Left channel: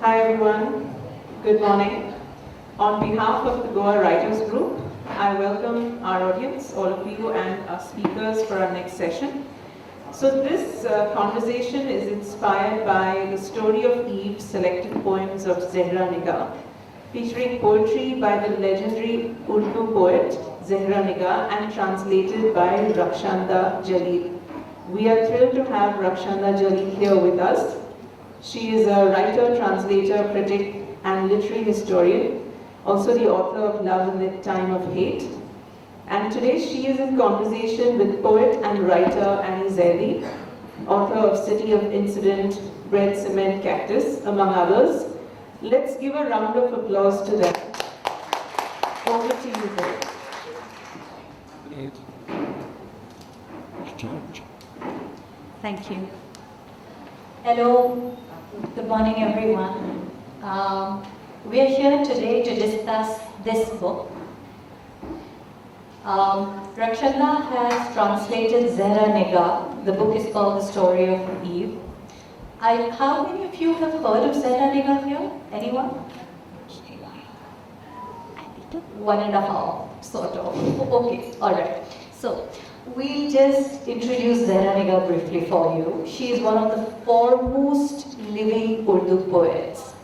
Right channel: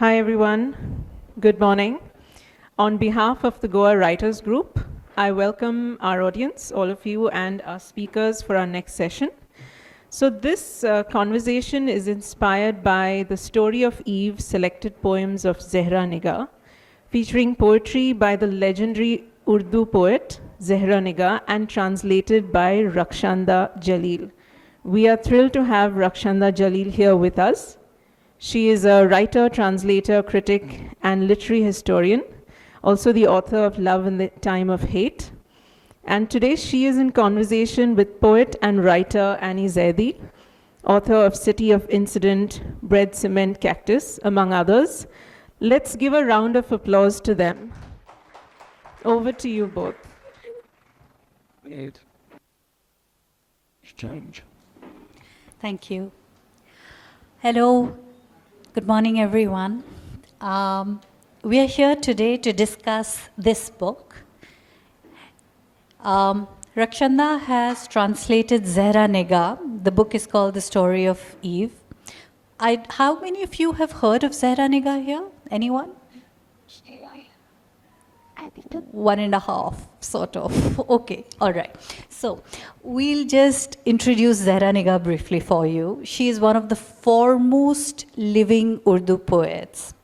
Hi everyone, good morning. On behalf of the Goa Writers Group, I welcome our audience, all of you, and our speakers for our next session. So this conversation is inspired by the story of Eve, selected poems of Zehra Nigah, featuring poetry by the legendary Urdu poet Zehra Nigah and translated by Rakshanda Jalil. We are thrilled to have Rakshanda Jalil here with us. She is a writer, translator, critic, and literary historian, also the author of Love in the Time of Hate. And today she is in conversation with poet and writer Annie Zaidi, author of City of Incident, Bread, Cement, Cactus, among others. Let's give a round of applause to them. Over to you both. Thank you. Hello, good morning everyone. We are here today to discuss this book. Rakshanda has translated Zehra Nigah. The book is called The Story of Eve. How many of you have heard of Zehra Nigah here? Anyone? One and a half, sort of. Okay, all right. So, we'll just introduce Zehra Nigah briefly for you. She is one of the foremost living Urdu poets.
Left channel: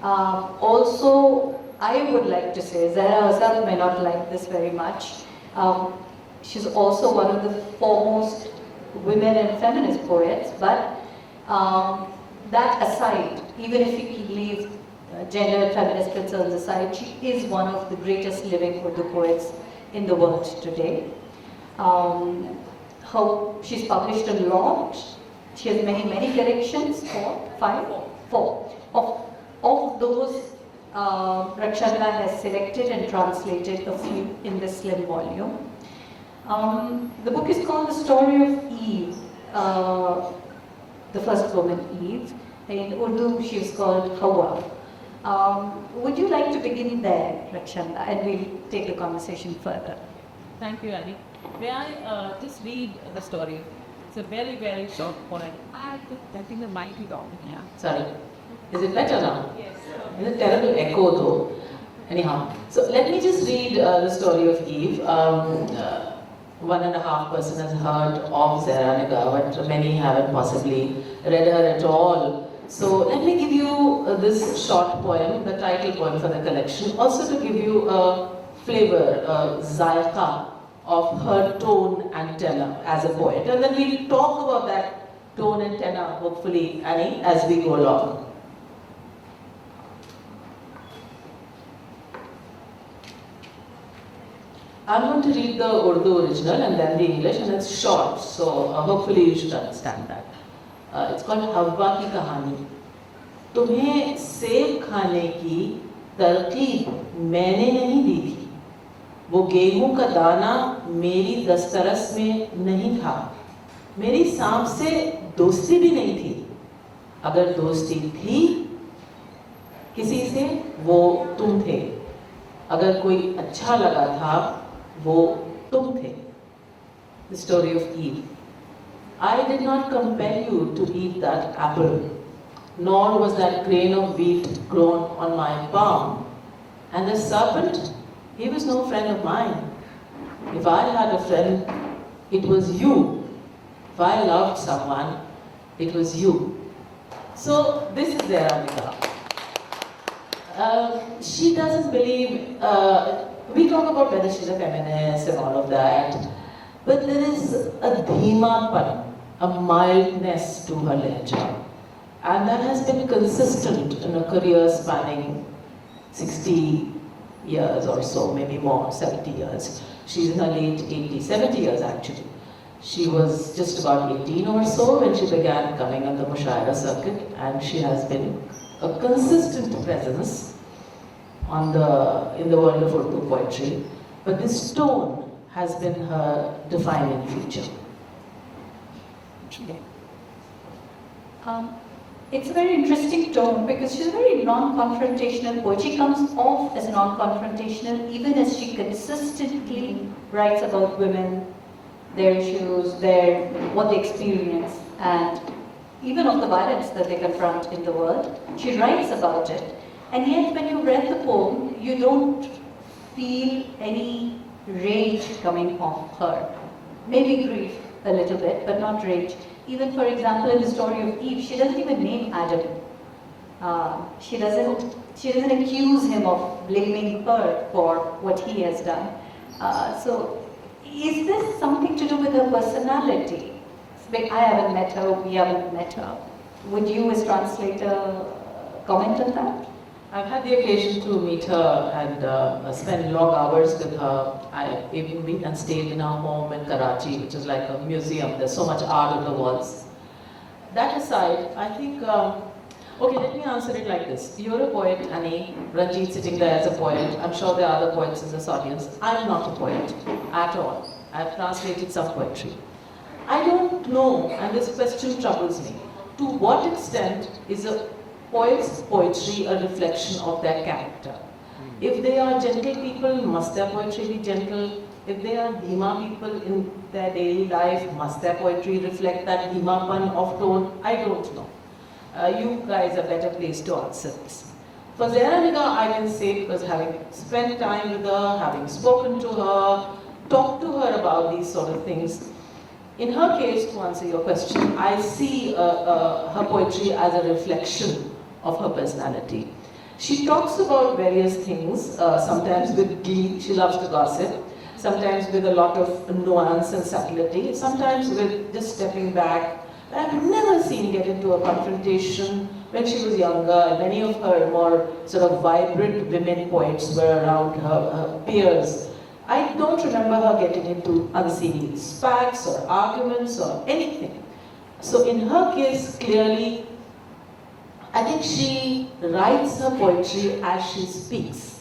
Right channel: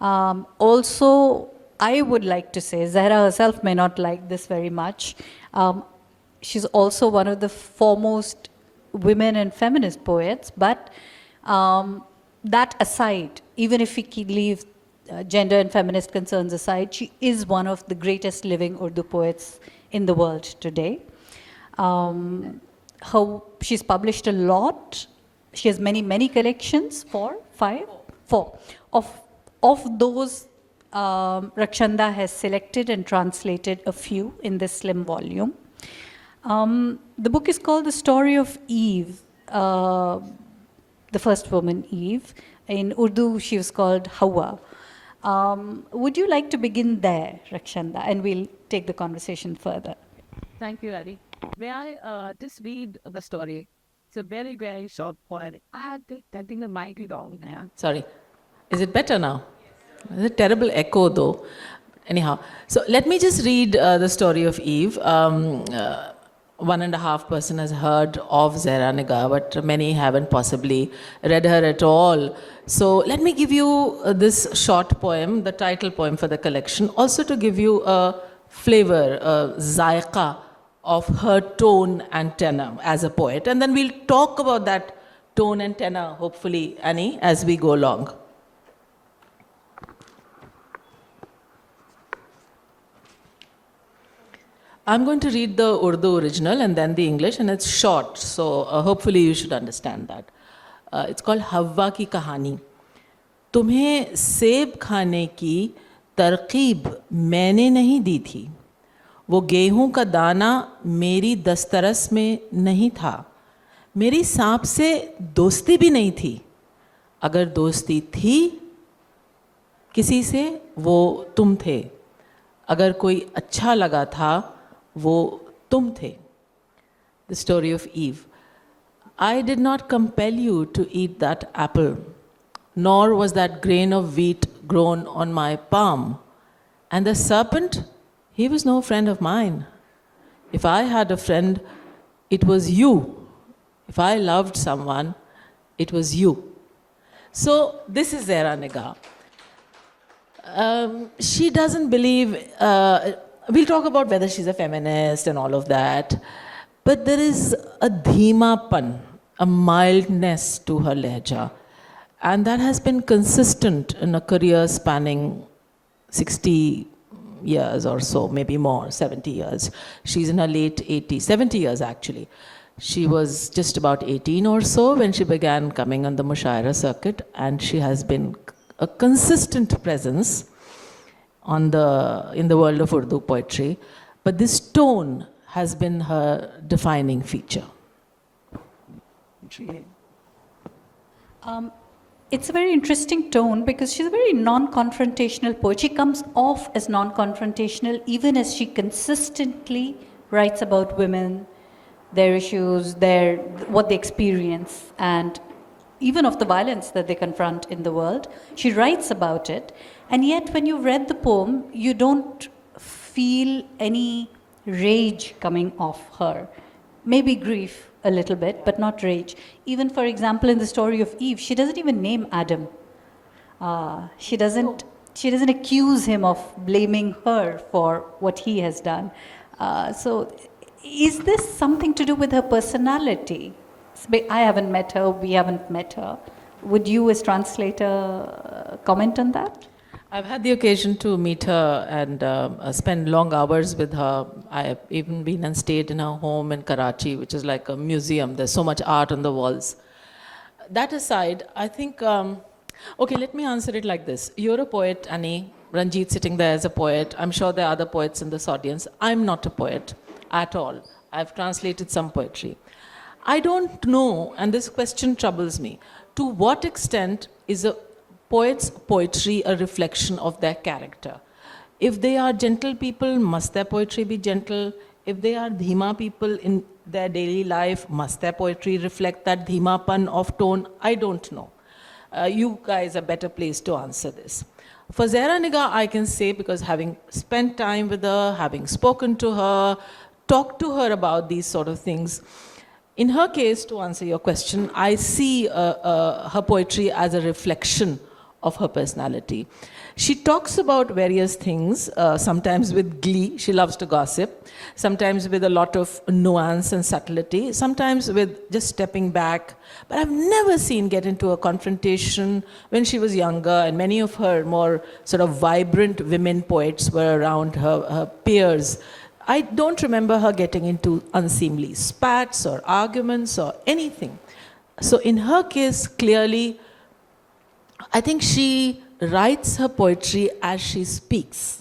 Also, I would like to say, Zehra herself may not like this very much. She's also one of the foremost women and feminist poets, but that aside, even if we leave gender and feminist concerns aside, she is one of the greatest living Urdu poets in the world today. She's published a lot. She has many collections, four. Of those, Rakshanda has selected and translated a few in this slim volume. The book is called The Story of Eve, the first woman, Eve. In Urdu, she was called Hawa. Would you like to begin there, Rakshanda, and we'll take the conversation further. Thank you, Annie. May I just read the story? It's a very short poem. I think the mic is on. Yeah. Sorry. Is it better now? Yes. There's a terrible echo though. Anyhow, so let me just read the story of Eve. 1.5 person has heard of Zehra Nigah, but many haven't possibly read her at all. So let me give you this short poem, the title poem for the collection, also to give you a flavor, a zaiqa of her tone and tenor as a poet. And then we'll talk about that tone and tenor, hopefully, Annie, as we go along. I'm going to read the Urdu original and then the English, and it's short, so hopefully you should understand that. It's called हव्वा की कहानी. तुम्हें सेब खाने की तरकीब मैंने नहीं दी थी. वो गेहूं का दाना मेरी दस्तरस में नहीं था. मेरी सांप से दोस्ती भी नहीं थी. अगर दोस्ती थी किसी से, वो तुम थे. अगर कोई अच्छा लगा था, वो तुम थे. The story of Eve. I did not compel you to eat that apple, nor was that grain of wheat grown on my palm. And the serpent, he was no friend of mine. If I had a friend, it was you. If I loved someone, it was you. So this is Zehra Nigah. She doesn't believe, we'll talk about whether she's a feminist and all of that, but there is a dhimapan, a mildness to her lehja, and that has been consistent in a career spanning 60 years or so, maybe more, 70 years. She's in her late 80s, 70 years actually. She was just about 18 or so when she began coming on the mushaira circuit, and she has been a consistent presence in the world of Urdu poetry. But this tone has been her defining feature. It's a very interesting tone because she's a very non-confrontational poet. She comes off as non-confrontational even as she consistently writes about women, their issues, what they experience, and even of the violence that they confront in the world. She writes about it, and yet when you read the poem, you don't feel any rage coming off her. Maybe grief a little bit, but not rage. Even, for example, in the story of Eve, she doesn't even name Adam. She doesn't accuse him of blaming her for what he has done. So, is this something to do with her personality? I haven't met her, we haven't met her. Would you, as translator, comment on that? I've had the occasion to meet her and spend long hours with her. I've even been and stayed in her home in Karachi, which is like a museum. There's so much art on the walls. That aside, I think, okay, let me answer it like this. You're a poet, Annie. Ranjit sitting there is a poet. I'm sure there are other poets in this audience. I'm not a poet at all. I've translated some poetry. I don't know, and this question troubles me, to what extent is a poet's poetry a reflection of their character? If they are gentle people, must their poetry be gentle? If they are dhima people in their daily life, must their poetry reflect that dhimapan of tone? I don't know. You guys are better placed to answer this. For Zehra Nigah, I can say, because having spent time with her, having spoken to her, talked to her about these sort of things, in her case, to answer your question, I see her poetry as a reflection of her personality. She talks about various things, sometimes with glee. She loves to gossip, sometimes with a lot of nuance and subtlety, sometimes with just stepping back. But I've never seen get into a confrontation when she was younger, and many of her more sort of vibrant women poets were around her peers. I don't remember her getting into unseemly spats or arguments or anything. So in her case, clearly, I think she writes her poetry as she speaks.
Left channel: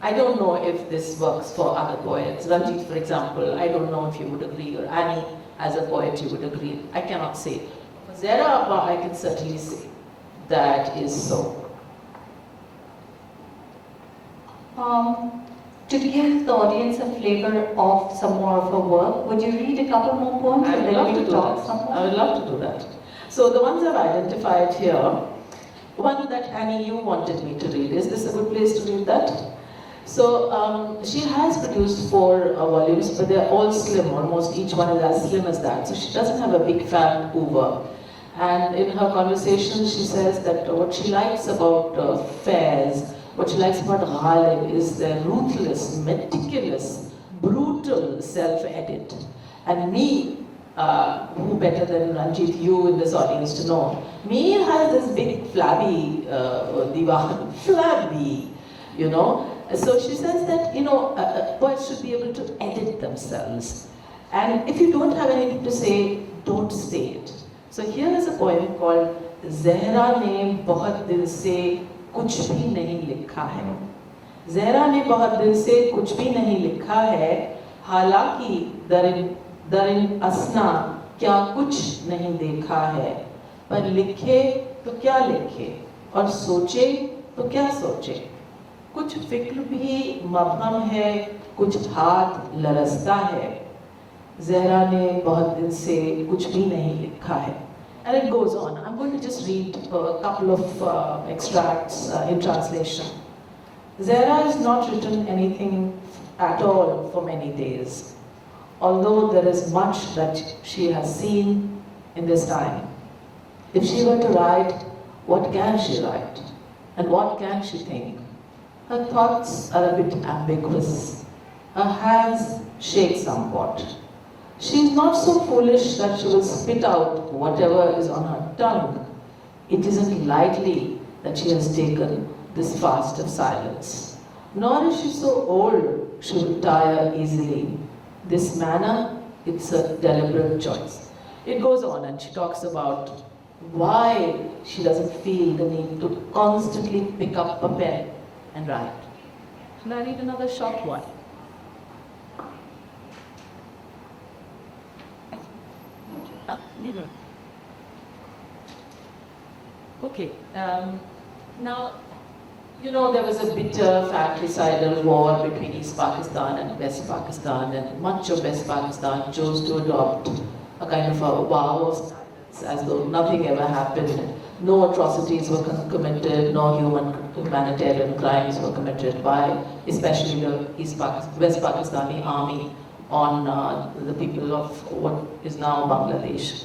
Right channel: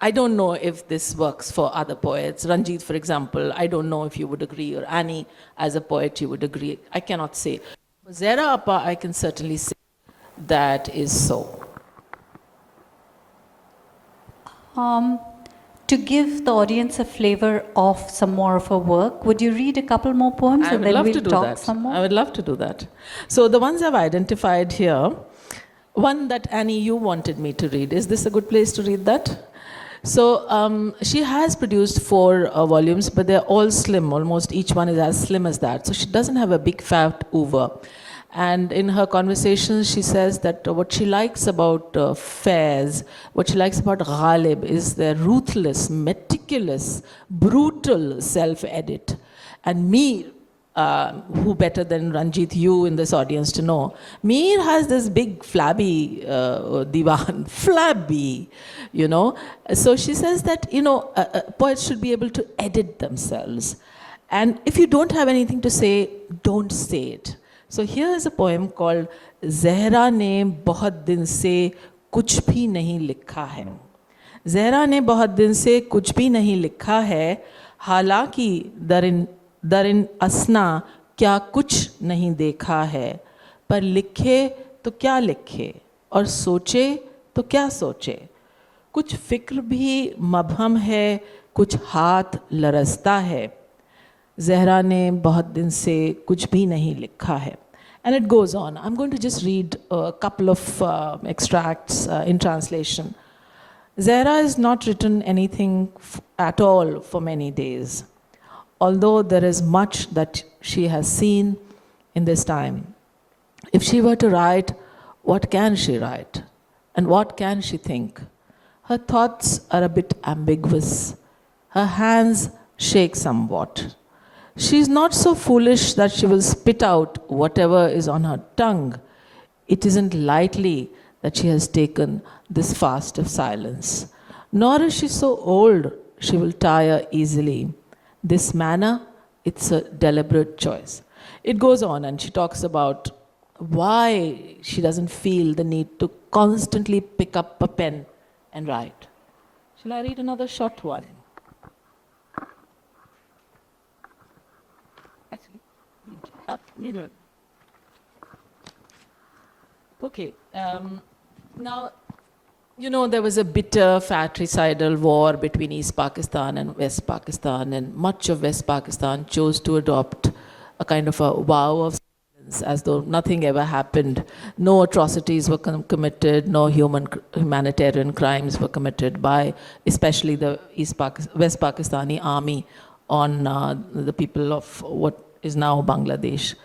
I don't know if this works for other poets. Ranjit, for example, I don't know if you would agree, or Annie, as a poet, you would agree. I cannot say. Zehra Appa, I can certainly say that is so. To give the audience a flavor of some more of her work, would you read a couple more poems and then we'll talk some more? I would love to do that. So the ones I've identified here, one that Annie, you wanted me to read. Is this a good place to read that? So she has produced 4 volumes, but they're all slim. Almost each one is as slim as that. So she doesn't have a big fat oeuvre. And in her conversations, she says that what she likes about fairs, what she likes about Ghalib is their ruthless, meticulous, brutal self-edit. And me, who better than Ranjit, you in this audience to know, Mir has this big flabby divan, flabby, you know. So she says that, you know, poets should be able to edit themselves. And if you don't have anything to say, don't say it. So here is a poem called Zehra ne bahut din se kuch bhi nahi likha hai. Zehra ne bahut din se kuch bhi nahi likha hai, halaki darin asna kya kuch nahi dekha hai. Par likhe to kya likhe, aur soche to kya soche. कुछ फिक्र भी मबहम है, कुछ हाथ लरसता है. ज़हरा ने बहुत दिन से कुछ भी नहीं लिखा है. And it goes on. I'm going to just read a couple of extracts in translation. Zehra has not written anything at all for many days, although there is much that she has seen in this time. If she were to write, what can she write? And what can she think? Her thoughts are a bit ambiguous. Her hands shake somewhat. She is not so foolish that she will spit out whatever is on her tongue. It isn't lightly that she has taken this fast of silence. Nor is she so old she will tire easily. This manner, it's a deliberate choice. It goes on and she talks about why she doesn't feel the need to constantly pick up a pen and write. Shall I read another short one? Okay. Now, you know, there was a bitter fratricidal war between East Pakistan and West Pakistan, and much of West Pakistan chose to adopt a kind of a vow of silence as though nothing ever happened. No atrocities were committed, no humanitarian crimes were committed by especially the West Pakistani army on the people of what is now Bangladesh.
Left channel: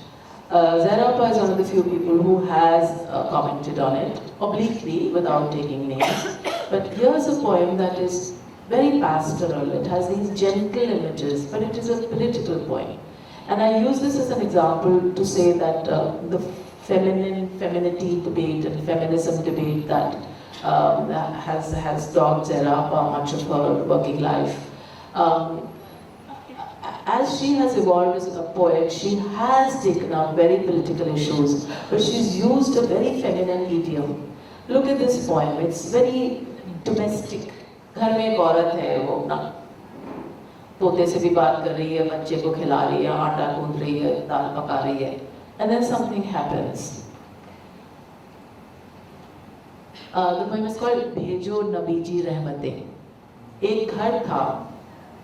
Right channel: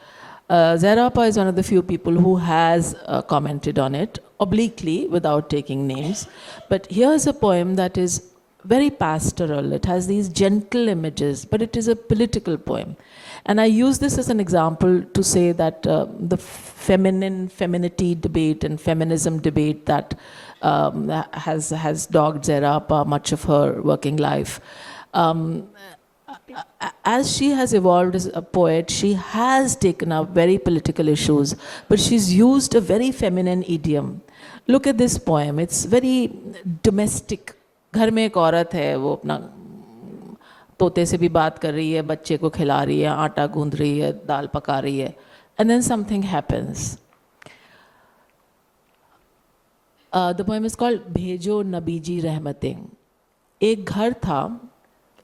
Zehra Appa is one of the few people who has commented on it obliquely without taking names. But here's a poem that is very pastoral. It has these gentle images, but it is a political poem. And I use this as an example to say that the femininity debate and feminism debate that has dogged Zehra Appa much of her working life. As she has evolved as a poet, she has taken up very political issues, but she's used a very feminine idiom. Look at this poem. It's very domestic. घर में एक औरत है, वो अपना तोते से भी बात कर रही है, बच्चे को खिला रही है, आटा गूंद रही है, दाल पका रही है, and then something happens. The poem is called भेजो नबीजी रहमतें. एक घर था,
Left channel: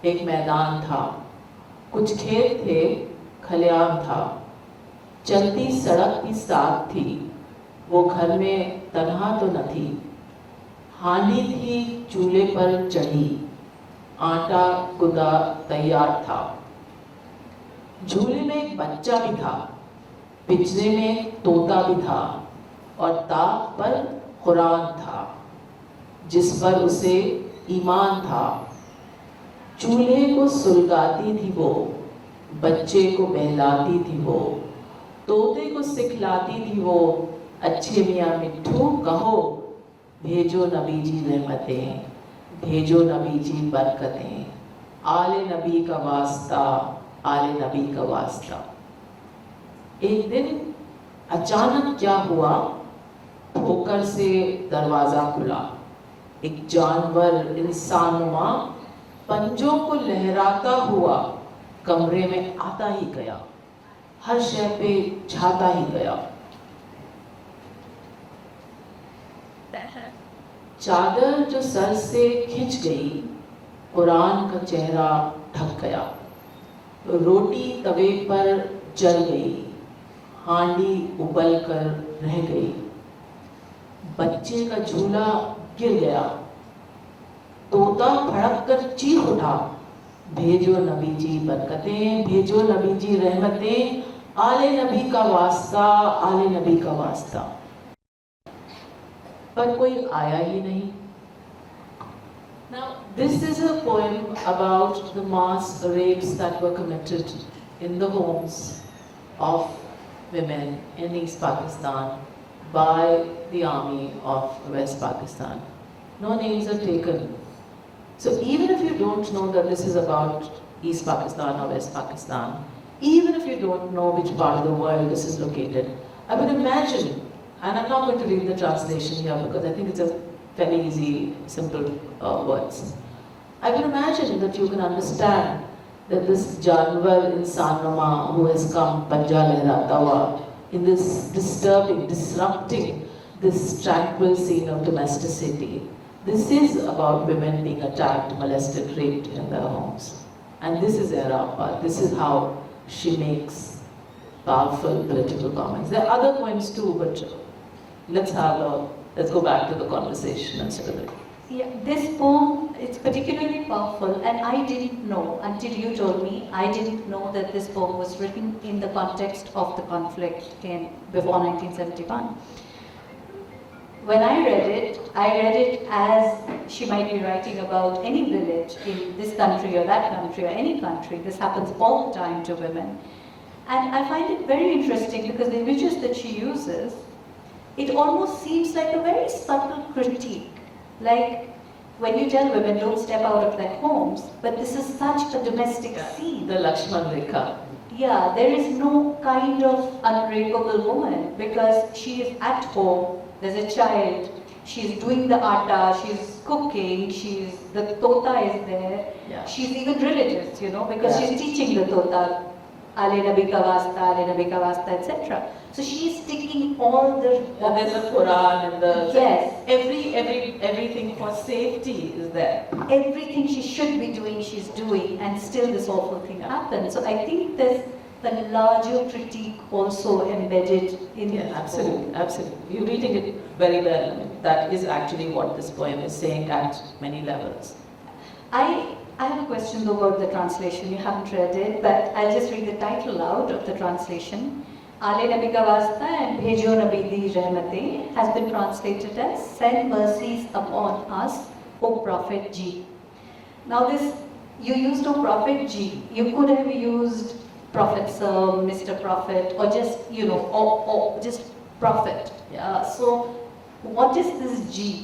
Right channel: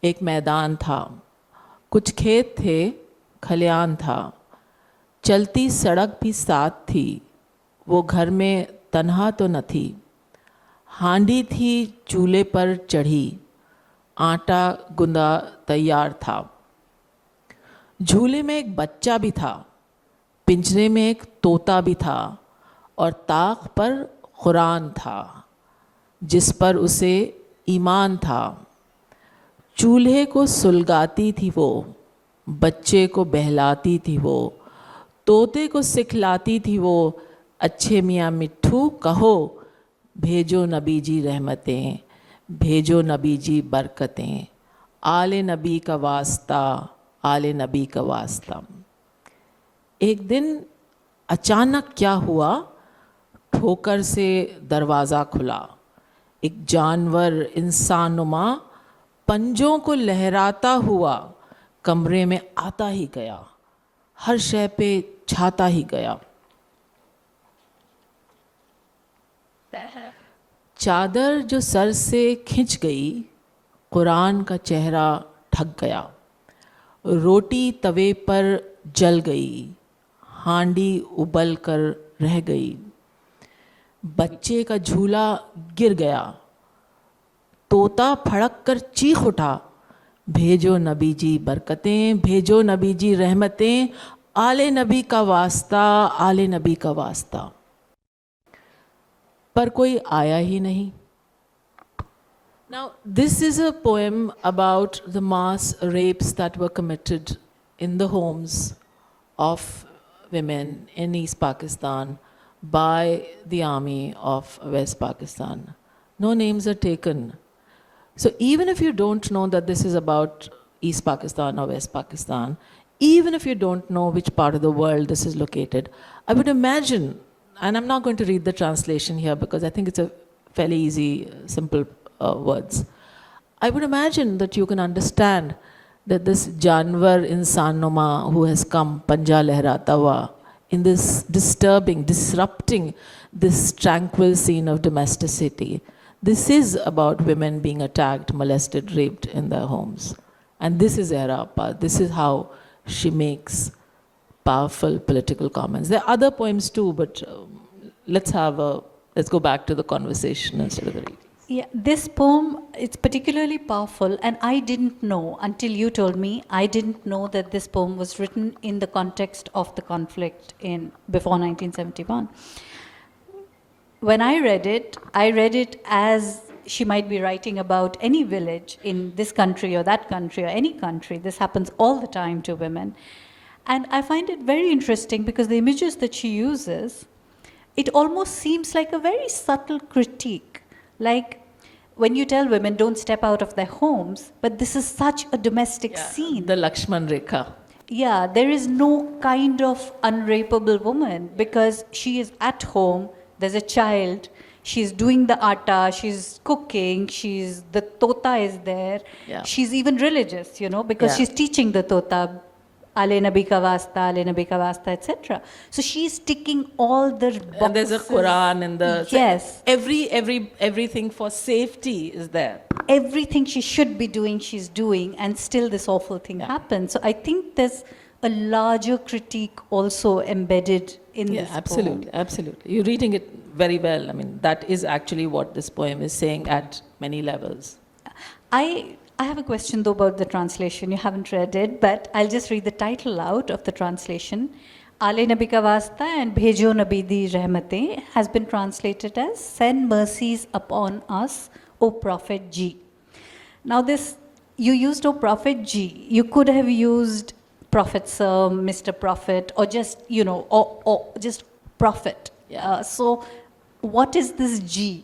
एक मैदान था, कुछ खेत थे, खलियान था, चलती सड़क भी साथ थी, वो घर में तन्हा तो न थी, हांडी थी चूल्हे पर चढ़ी, आटा गुंदा तैयार था, झूले में एक बच्चा भी था, पिंजरे में एक तोता भी था, और ताक पर कुरान था, जिस पर उसे ईमान था, चूल्हे को सुलगाती थी वो, बच्चे को बहलाती थी वो, तोते को सिखलाती थी वो, अच्छे मियाँ मिट्ठू कहो, भेजो नबी जी रहमतें, भेजो नबी जी बरकतें, आले नबी का वास्ता, आले नबी का वास्ता. एक दिन अचानक क्या हुआ, ठोकर से दरवाज़ा खुला, एक जानवर इंसानुमा पंजों को लहराता हुआ कमरे में आता ही गया, हर शय पे छाता ही गया. चादर जो सर से खिंच गई, कुरान का चेहरा ढक गया, रोटी तवे पर जल गई, हांडी उबल कर रह गई, बच्चे का झूला गिर गया, तोता फड़क कर चीख उठा, भेजो नबी जी बरकतें, भेजो नबी जी रहमतें, आले नबी का वास्ता, आले नबी का वास्ता. पर कोई आया ही नहीं. Now, this is a poem about the mass rapes that were committed in the homes of women in East Pakistan by the army of West Pakistan. No names are taken. So even if you don't know that this is about East Pakistan or West Pakistan, even if you don't know which part of the world this is located, I would imagine, and I'm not going to read the translation here because I think it's a fairly easy, simple words. I would imagine that you can understand that this Janwar insan numa who has come panja lehrata hua in this disturbing, disrupting this tranquil scene of domesticity. This is about women being attacked, molested, raped in their homes. And this is Zehra Appa. This is how she makes powerful political comments. There are other poems too, but let's go back to the conversation instead of it. Yeah, this poem, it's particularly powerful, and I didn't know, until you told me, I didn't know that this poem was written in the context of the conflict before 1971. When I read it as she might be writing about any village in this country or that country or any country. This happens all the time to women. And I find it very interesting because the images that she uses, it almost seems like a very subtle critique. Like when you tell women don't step out of their homes, but this is such a domestic scene. The Lakshman Rekha. Yeah, there is no kind of unrapeable woman because she is at home, there's a child, she's doing the atta, she's cooking, the tota is there. Yeah. She's even religious, because she's teaching the tota, Ale Nabi ka wasta, Ale Nabi ka wasta, etc. So she's ticking all the boxes. And there's a Quran in the... Yes. Everything for safety is there. Everything she should be doing, she's doing, and still this awful thing happens. So I think there's a larger critique also embedded in Yeah, this absolutely, absolutely. You're reading it very well. I mean, that is actually what this poem is saying at many levels. I I have a question though about the translation. You haven't read it, but I'll just read the title out of the translation. Ale Nabi Ka Wasta and Bhejo Nabi Di Rahmate has been translated as Send mercies upon us, O Prophet G. Now this, you used O Prophet G. You could have used Prophet Sir, Mr. Prophet, or just, or just Prophet. So what is this G?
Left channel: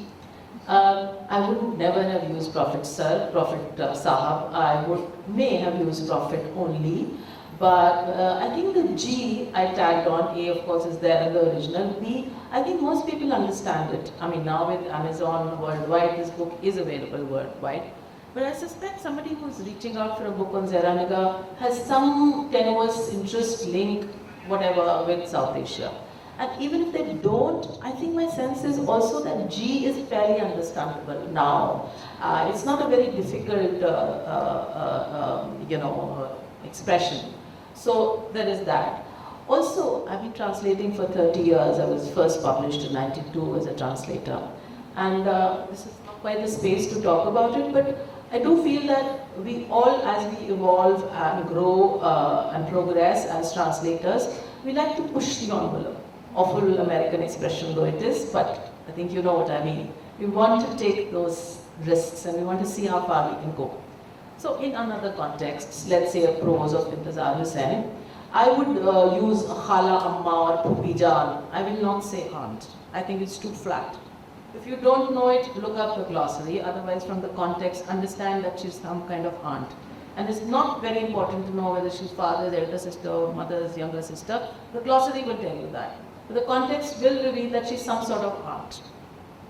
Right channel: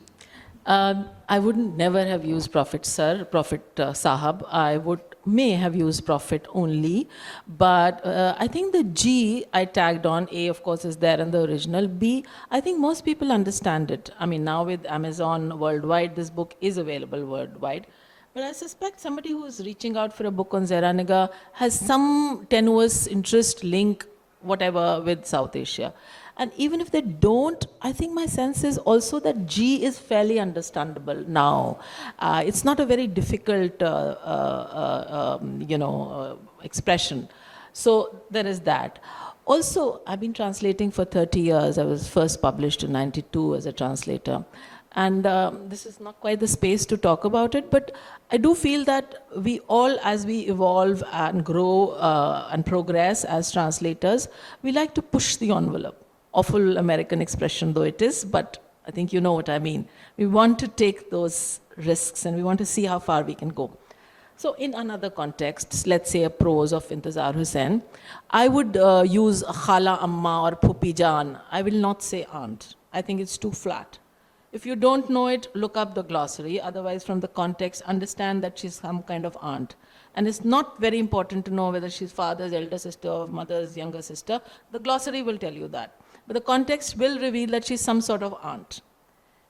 I would never have used Prophet Sir, Prophet Sahab. I may have used Prophet only. But I think the G I tagged on, A of course is there in the original, B, I think most people understand it. I mean, now with Amazon worldwide, this book is available worldwide. But I suspect somebody who's reaching out for a book on Zehra Nigah has some tenuous interest, link, whatever, with South Asia. And even if they don't, I think my sense is also that G is fairly understandable now. It's not a very difficult, expression. So there is that. Also, I've been translating for 30 years. I was first published in '92 as a translator. And this is not quite the space to talk about it, but I do feel that we all, as we evolve and grow and progress as translators, we like to push the envelope. Awful American expression though it is, but I think you know what I mean. We want to take those risks and we want to see how far we can go. So in another context, let's say a prose of Intizar Hussain, I would use Khala Amma or Phuphi Jaan. I will not say aunt. I think it's too flat. If you don't know it, look up the glossary. Otherwise, from the context, understand that she's some kind of aunt. And it's not very important to know whether she's father's elder sister or mother's younger sister. The glossary will tell you that. But the context will reveal that she's some sort of aunt.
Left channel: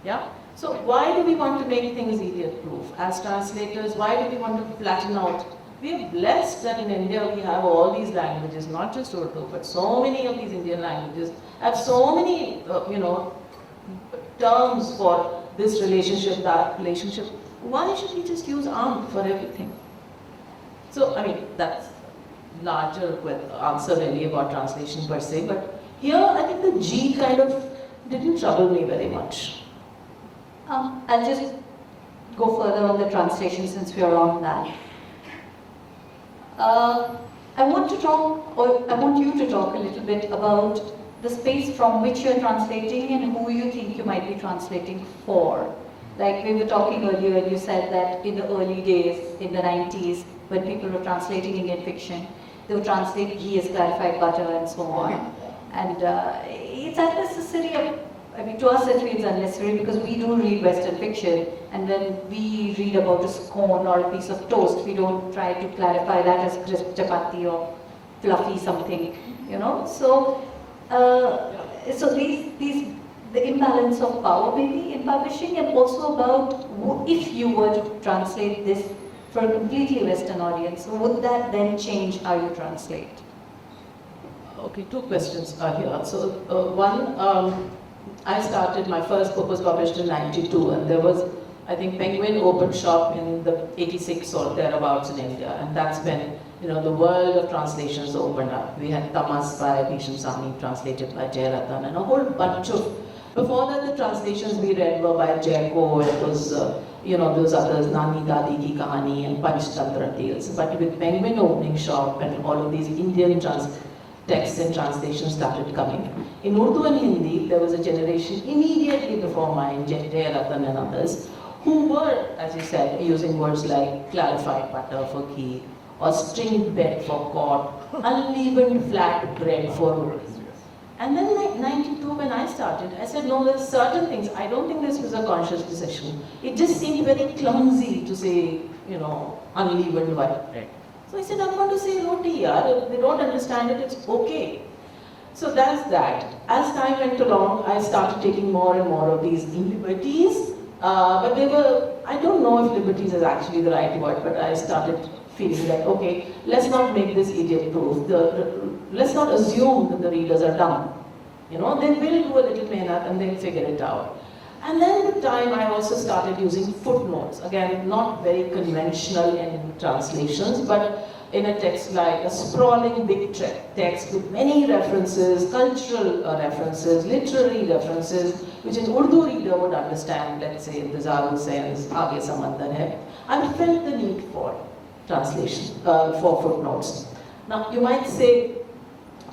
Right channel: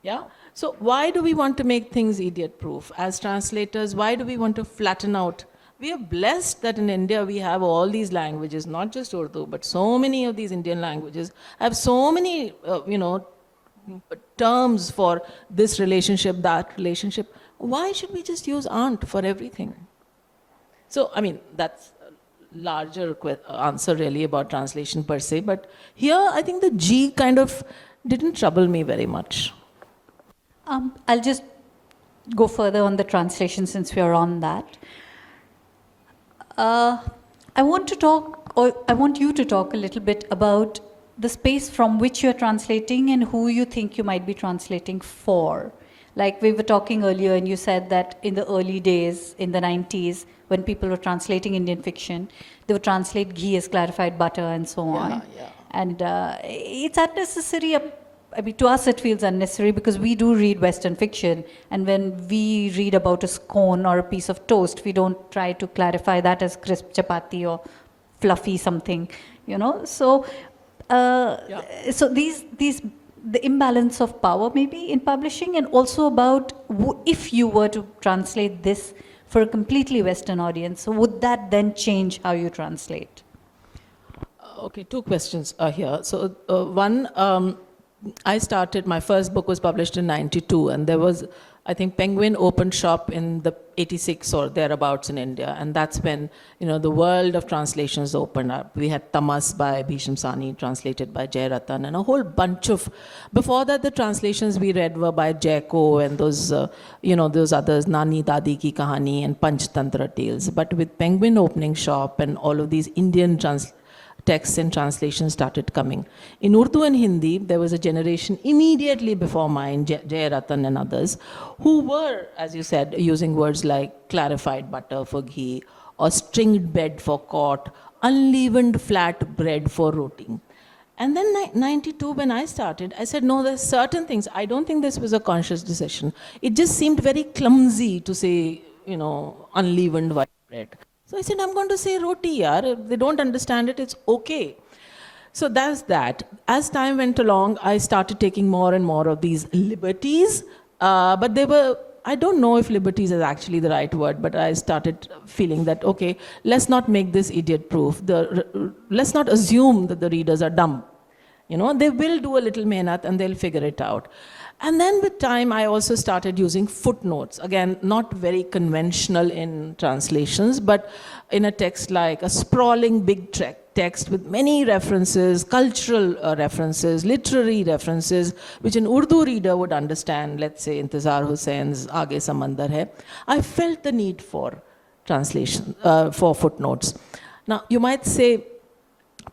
Yeah? So why do we want to make things idiot-proof? As translators, why do we want to flatten out? We are blessed that in India we have all these languages, not just Urdu, but so many of these Indian languages have so many, terms for this relationship, that relationship. Why should we just use aunt for everything? So, I mean, that's a larger answer really about translation per se, but here I think the G kind of didn't trouble me very much. I'll just go further on the translation since we are on that. I want you to talk a little bit about the space from which you're translating and who you think you might be translating for. Like we were talking earlier and you said that in the early days, in the 90s, when people were translating Indian fiction, they would translate ghee as clarified butter and so on. And it's unnecessary. I mean, to us it feels unnecessary because we do read Western fiction, and when we read about a scone or a piece of toast, we don't try to clarify that as crisp chapati or fluffy something, So, so the imbalance of power maybe in publishing, and also about if you were to translate this for a completely Western audience, would that then change how you translate? Okay, two questions are here. So one, I started, my first book was published in '92, and there was, I think, Penguin opened shop in the '86 or thereabouts in India, and that's when the world of translations opened up. We had Tamas by Bhisham Sani, translated by Jay Ratan, and a whole bunch of. Before that, the translations we read were by Jayko and those others, Nani Dadi Ki Kahani and Panchtantra Tales. But with Penguin opening shop and all of these Indian texts and translations started coming. In Urdu and Hindi, there was a generation immediately before mine, Jay Ratan and others, who were, as you said, using words like clarified butter for ghee, or stringed bed for cot, unleavened flat bread for roti. And then 92, when I started, I said, no, there's certain things. I don't think this was a conscious decision. It just seemed very clumsy to say, unleavened white bread. So I said, I'm going to say roti, yaar. If they don't understand it, it's okay. So that's that. As time went along, I started taking more and more of these liberties. But they were, I don't know if liberties is actually the right word, but I started feeling that, okay, let's not make this idiot-proof. Let's not assume that the readers are dumb. They will do a little mehnat and they'll figure it out. And then with time, I also started using footnotes. Again, not very conventional in translations, but in a text like a sprawling big text with many references, cultural references, literary references, which an Urdu reader would understand. Let's say Intizar Hussein's Aage Samandar Hai. I felt the need for translation, for footnotes. Now, you might say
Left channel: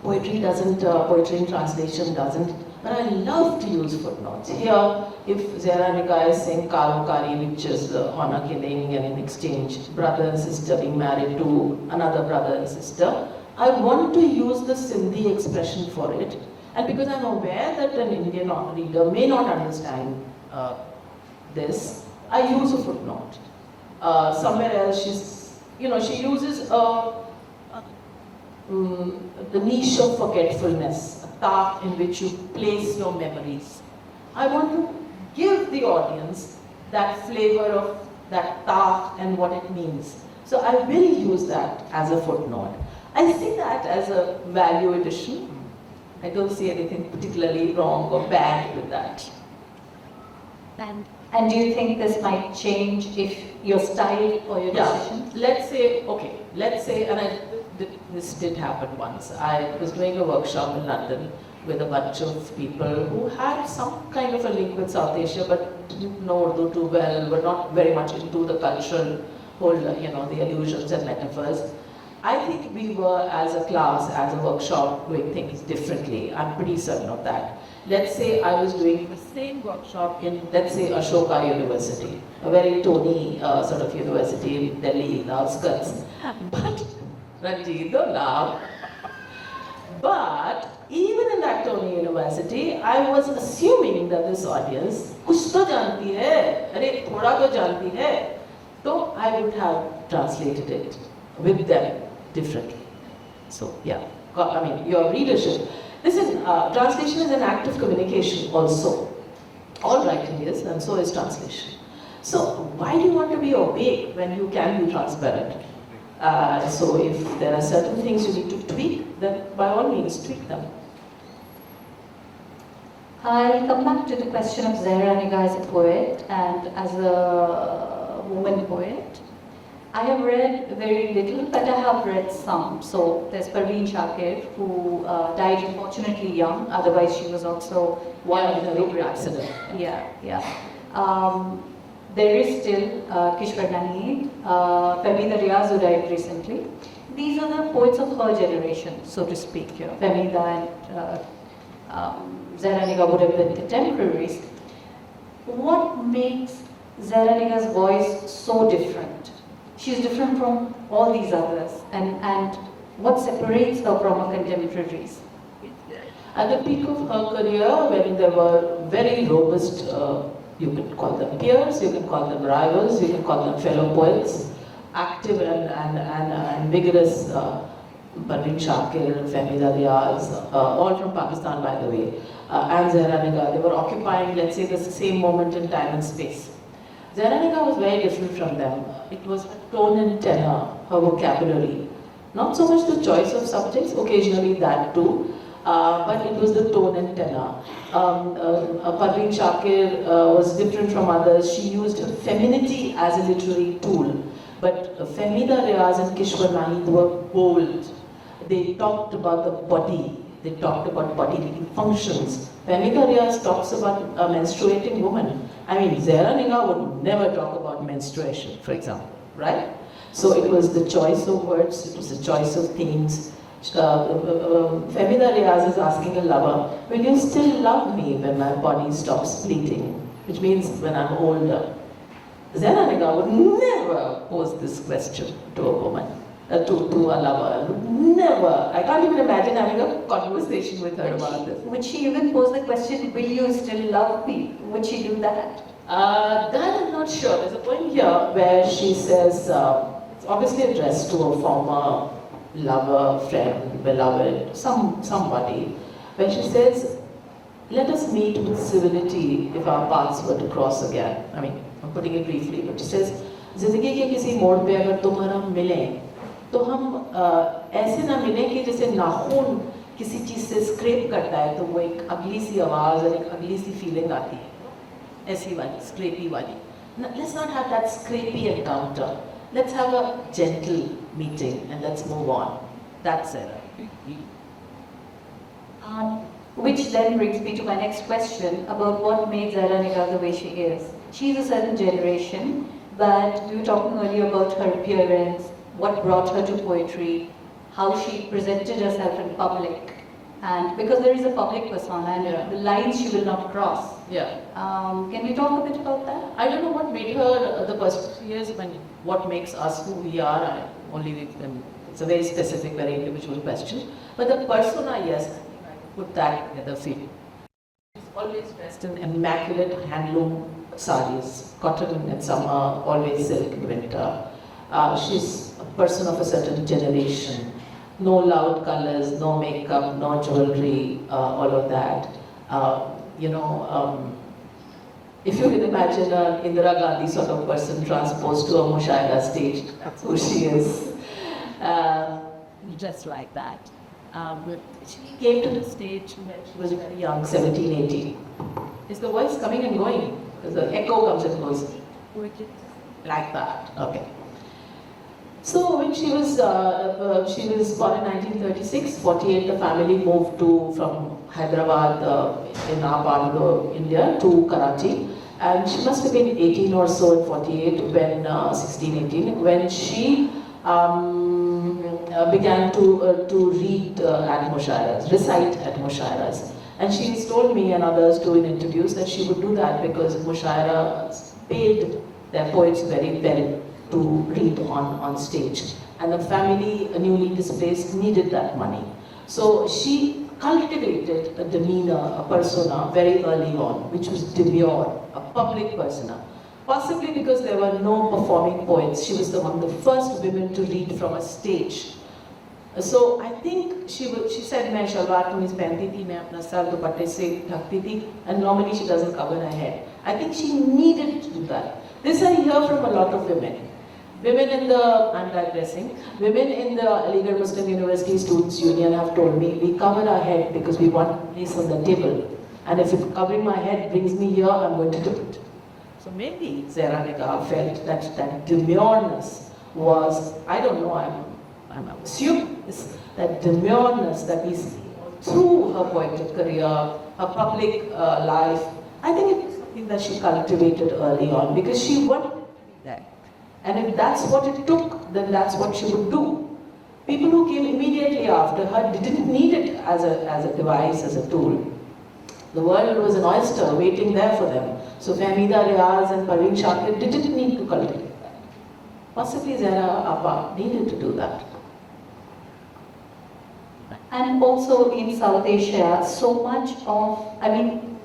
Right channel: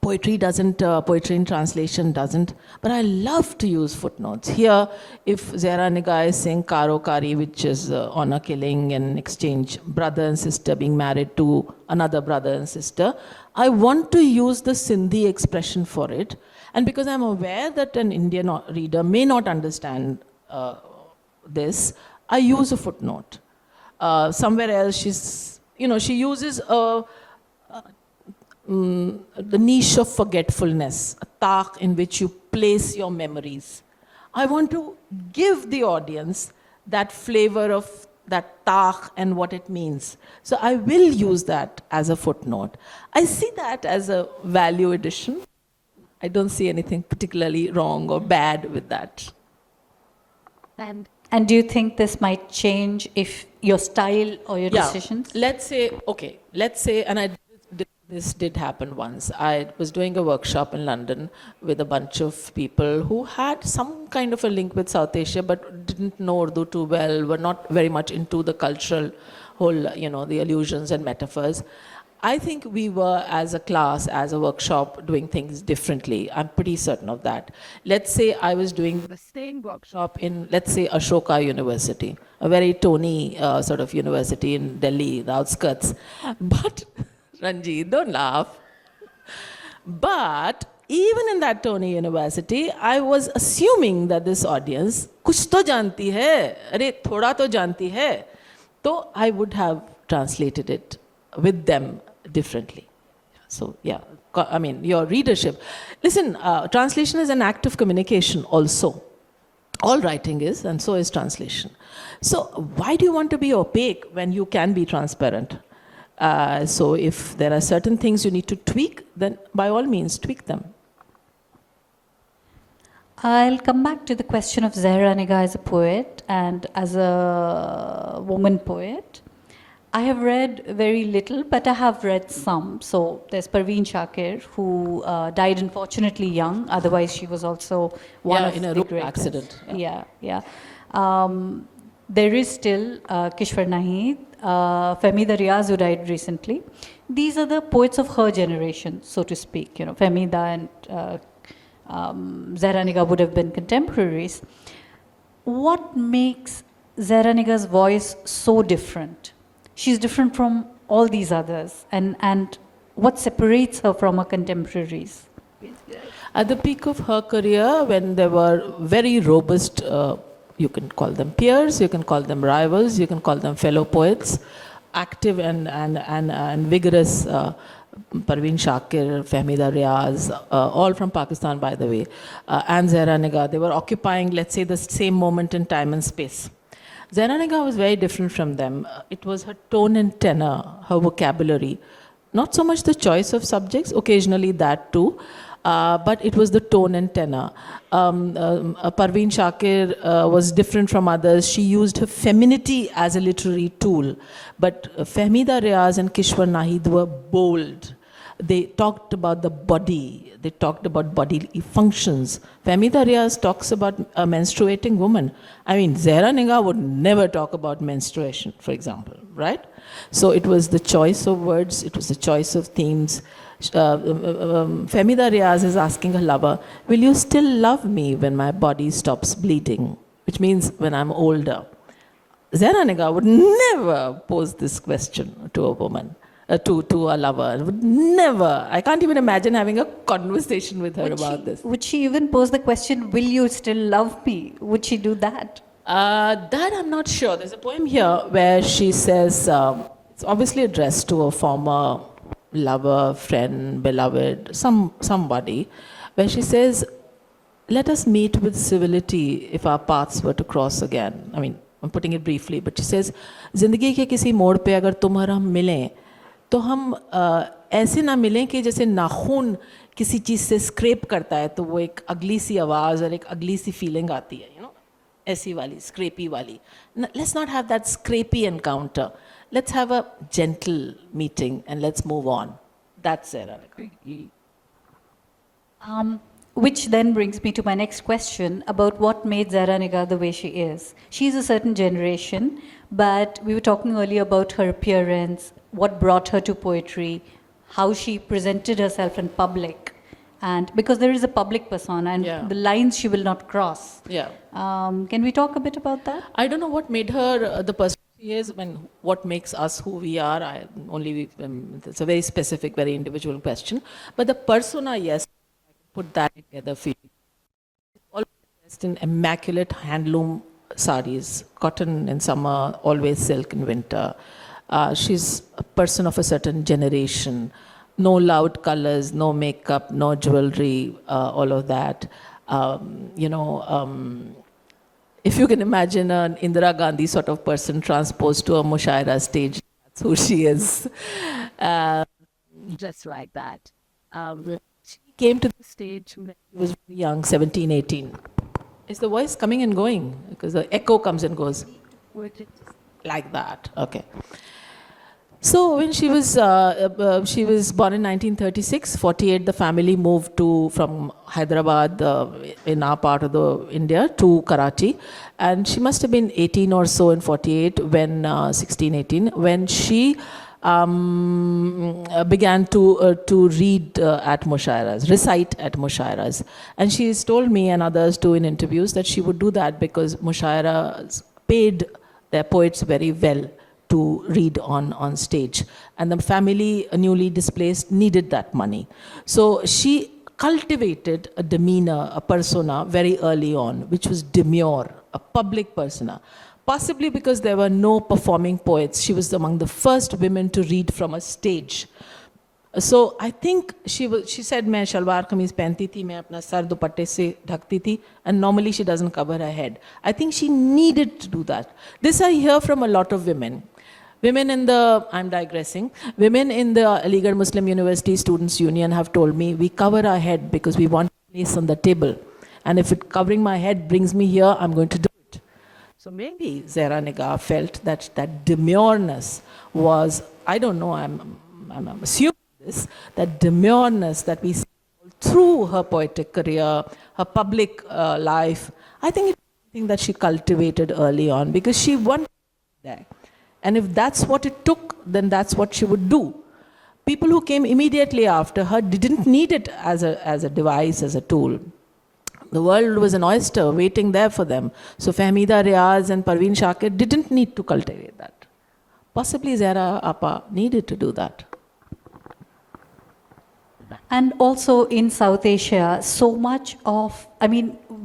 poetry in translation doesn't, but I love to use footnotes. Here, if Zehra Nigah is saying Karo Kari, which is honor killing and an exchange, brother and sister being married to another brother and sister, I want to use the Sindhi expression for it. And because I'm aware that an Indian reader may not understand this, I use a footnote. Somewhere else, she uses the niche of forgetfulness, a taq in which you place your memories. I want to give the audience that flavor of that taq and what it means. So I will use that as a footnote. I see that as a value addition. I don't see anything particularly wrong or bad with that. And do you think this might change if your style or your decisions? Let's say, and this did happen once. I was doing a workshop in London with a bunch of people who had some kind of a link with South Asia but didn't know Urdu too well, were not very much into the cultural whole, the allusions and metaphors. I think we were, as a class, as a workshop, doing things differently. I'm pretty certain of that. Let's say I was doing the same workshop in, let's say, Ashoka University, a very Tony sort of university in Delhi, the outskirts. But Ranjit, don't laugh. But even in that Tony University, I was assuming that this audience, kuch to janti hai, arey thoda to janti hai. So I would have translated it with them differently. So yeah, I mean, your readership. Listen, translation is an act of communication also. All writing is, and so is translation. So why do you want to be opaque when you can be transparent? So if there are certain things you need to tweak, then by all means tweak them. I'll come back to the question of Zehra Nigah as a poet and as a woman poet. I have read very little, but I have read some. So there's Parveen Shakir, who died unfortunately young. Otherwise, she was also one of in a road accident. Yeah. There is still Kishwar Naheed, Fahmida Riaz, who died recently. These are the poets of her generation, so to speak. Fahmida and Zehra Nigah would have been contemporaries. What makes Zehra Nigah's voice so different? She's different from all these others, and what separates her from her contemporaries? At the peak of her career, when there were very robust, you can call them peers, you can call them rivals, you can call them fellow poets, active and vigorous, Parveen Shakir, Fahmida Riaz, all from Pakistan, by the way, and Zehra Nigah, they were occupying, let's say, the same moment in time and space. Zehra Nigah was very different from them. It was her tone and tenor, her vocabulary. Not so much the choice of subjects, occasionally that too, but it was the tone and tenor. Parveen Shakir was different from others. She used her femininity as a literary tool. But Fahmida Riaz and Kishwar Naheed were bold. They talked about the body. They talked about bodily functions. Fahmida Riaz talks about a menstruating woman. I mean, Zehra Nigah would never talk about menstruation, for example, right? So it was the choice of words, it was the choice of themes. Fahmida Riaz is asking a lover, will you still love me when my body stops bleeding? Which means when I'm older. Zehra Nigah would never pose this question to a woman, to a lover. Would never. I can't even imagine having a conversation with her about this. Would she even pose the question, will you still love me? Would she do that? That I'm not sure. There's a poem here where she says, it's obviously addressed to a former lover, friend, beloved, somebody, where she says, let us meet with civility if our paths were to cross again. I mean, I'm putting it briefly, but she says, जिंदगी के किसी मोड़ पे अगर तुम और हम मिलें, तो हम ऐसे ना मिलें कि जैसे नाखून किसी चीज़ से स्क्रैप करता है तो वो एक अगली सी आवाज़ और एक अगली सी फीलिंग आती है. aisi wali, scrapey wali. Let's not have that scrapey encounter. Let's have a gentle meeting and let's move on. That's Zehra. Which then brings me to my next question about what made Zehra Nigah the way she is. She's a certain generation, but we were talking earlier about her appearance, what brought her to poetry, how she presented herself in public, and because there is a public persona and Yeah. the lines she will not cross. Yeah. Can we talk a bit about that? I don't know what made her the person she is, when what makes us who we are. It's a very specific, very individual question. But the persona, yes, put that together. Feel always dressed in immaculate handloom saris, cotton in summer, always silk in winter. She's a person of a certain generation. No loud colors, no makeup, no jewelry, all of that. If you can imagine an Indira Gandhi sort of person transposed to a Mushaira stage, that's who she is. Just like that. She came to the stage when she was very young, 17, 18. Is the voice coming and going? Because the echo comes and goes. Like that. Okay. So when she was born in 1936, 48, the family moved from Hyderabad in our part of the India to Karachi, and she must have been 18 or so in 48 when 16, 18 when she began to read at Mushairas, recite at Mushairas, and she's told me and others too in interviews that she would do that because Mushairas paid their poets very well to read on stage, and the family, newly displaced, needed that money. So she cultivated a demeanor, a persona very early on, which was demure, a public persona. Possibly because there were no performing poets. She was among the first women to read from a stage. So I think she said, "मैं शलवार कमीज पहनती थी, मैं अपना sir दुपट्टे से ढकती थी," and normally she doesn't cover her head. I think she needed to do that. This I hear from a lot of women. I'm digressing, women in the Aligarh Muslim University Students' Union have told me, we cover our head because we want place on the table. And if covering my head brings me here, I'm going to do it. So maybe Zehra Nigah felt that demureness was, I don't know, I'm assuming this, that demureness that we see through her poetic career, her public life, I think it's something that she cultivated early on because she wanted that. And if that's what it took, then that's what she would do. People who came immediately after her didn't need it as a device, as a tool. The world was an oyster waiting there for them. So Fahmida Riaz and Parveen Shakir didn't need to cultivate that. Possibly Zehra Appa needed to do that. And also in South Asia, so much of,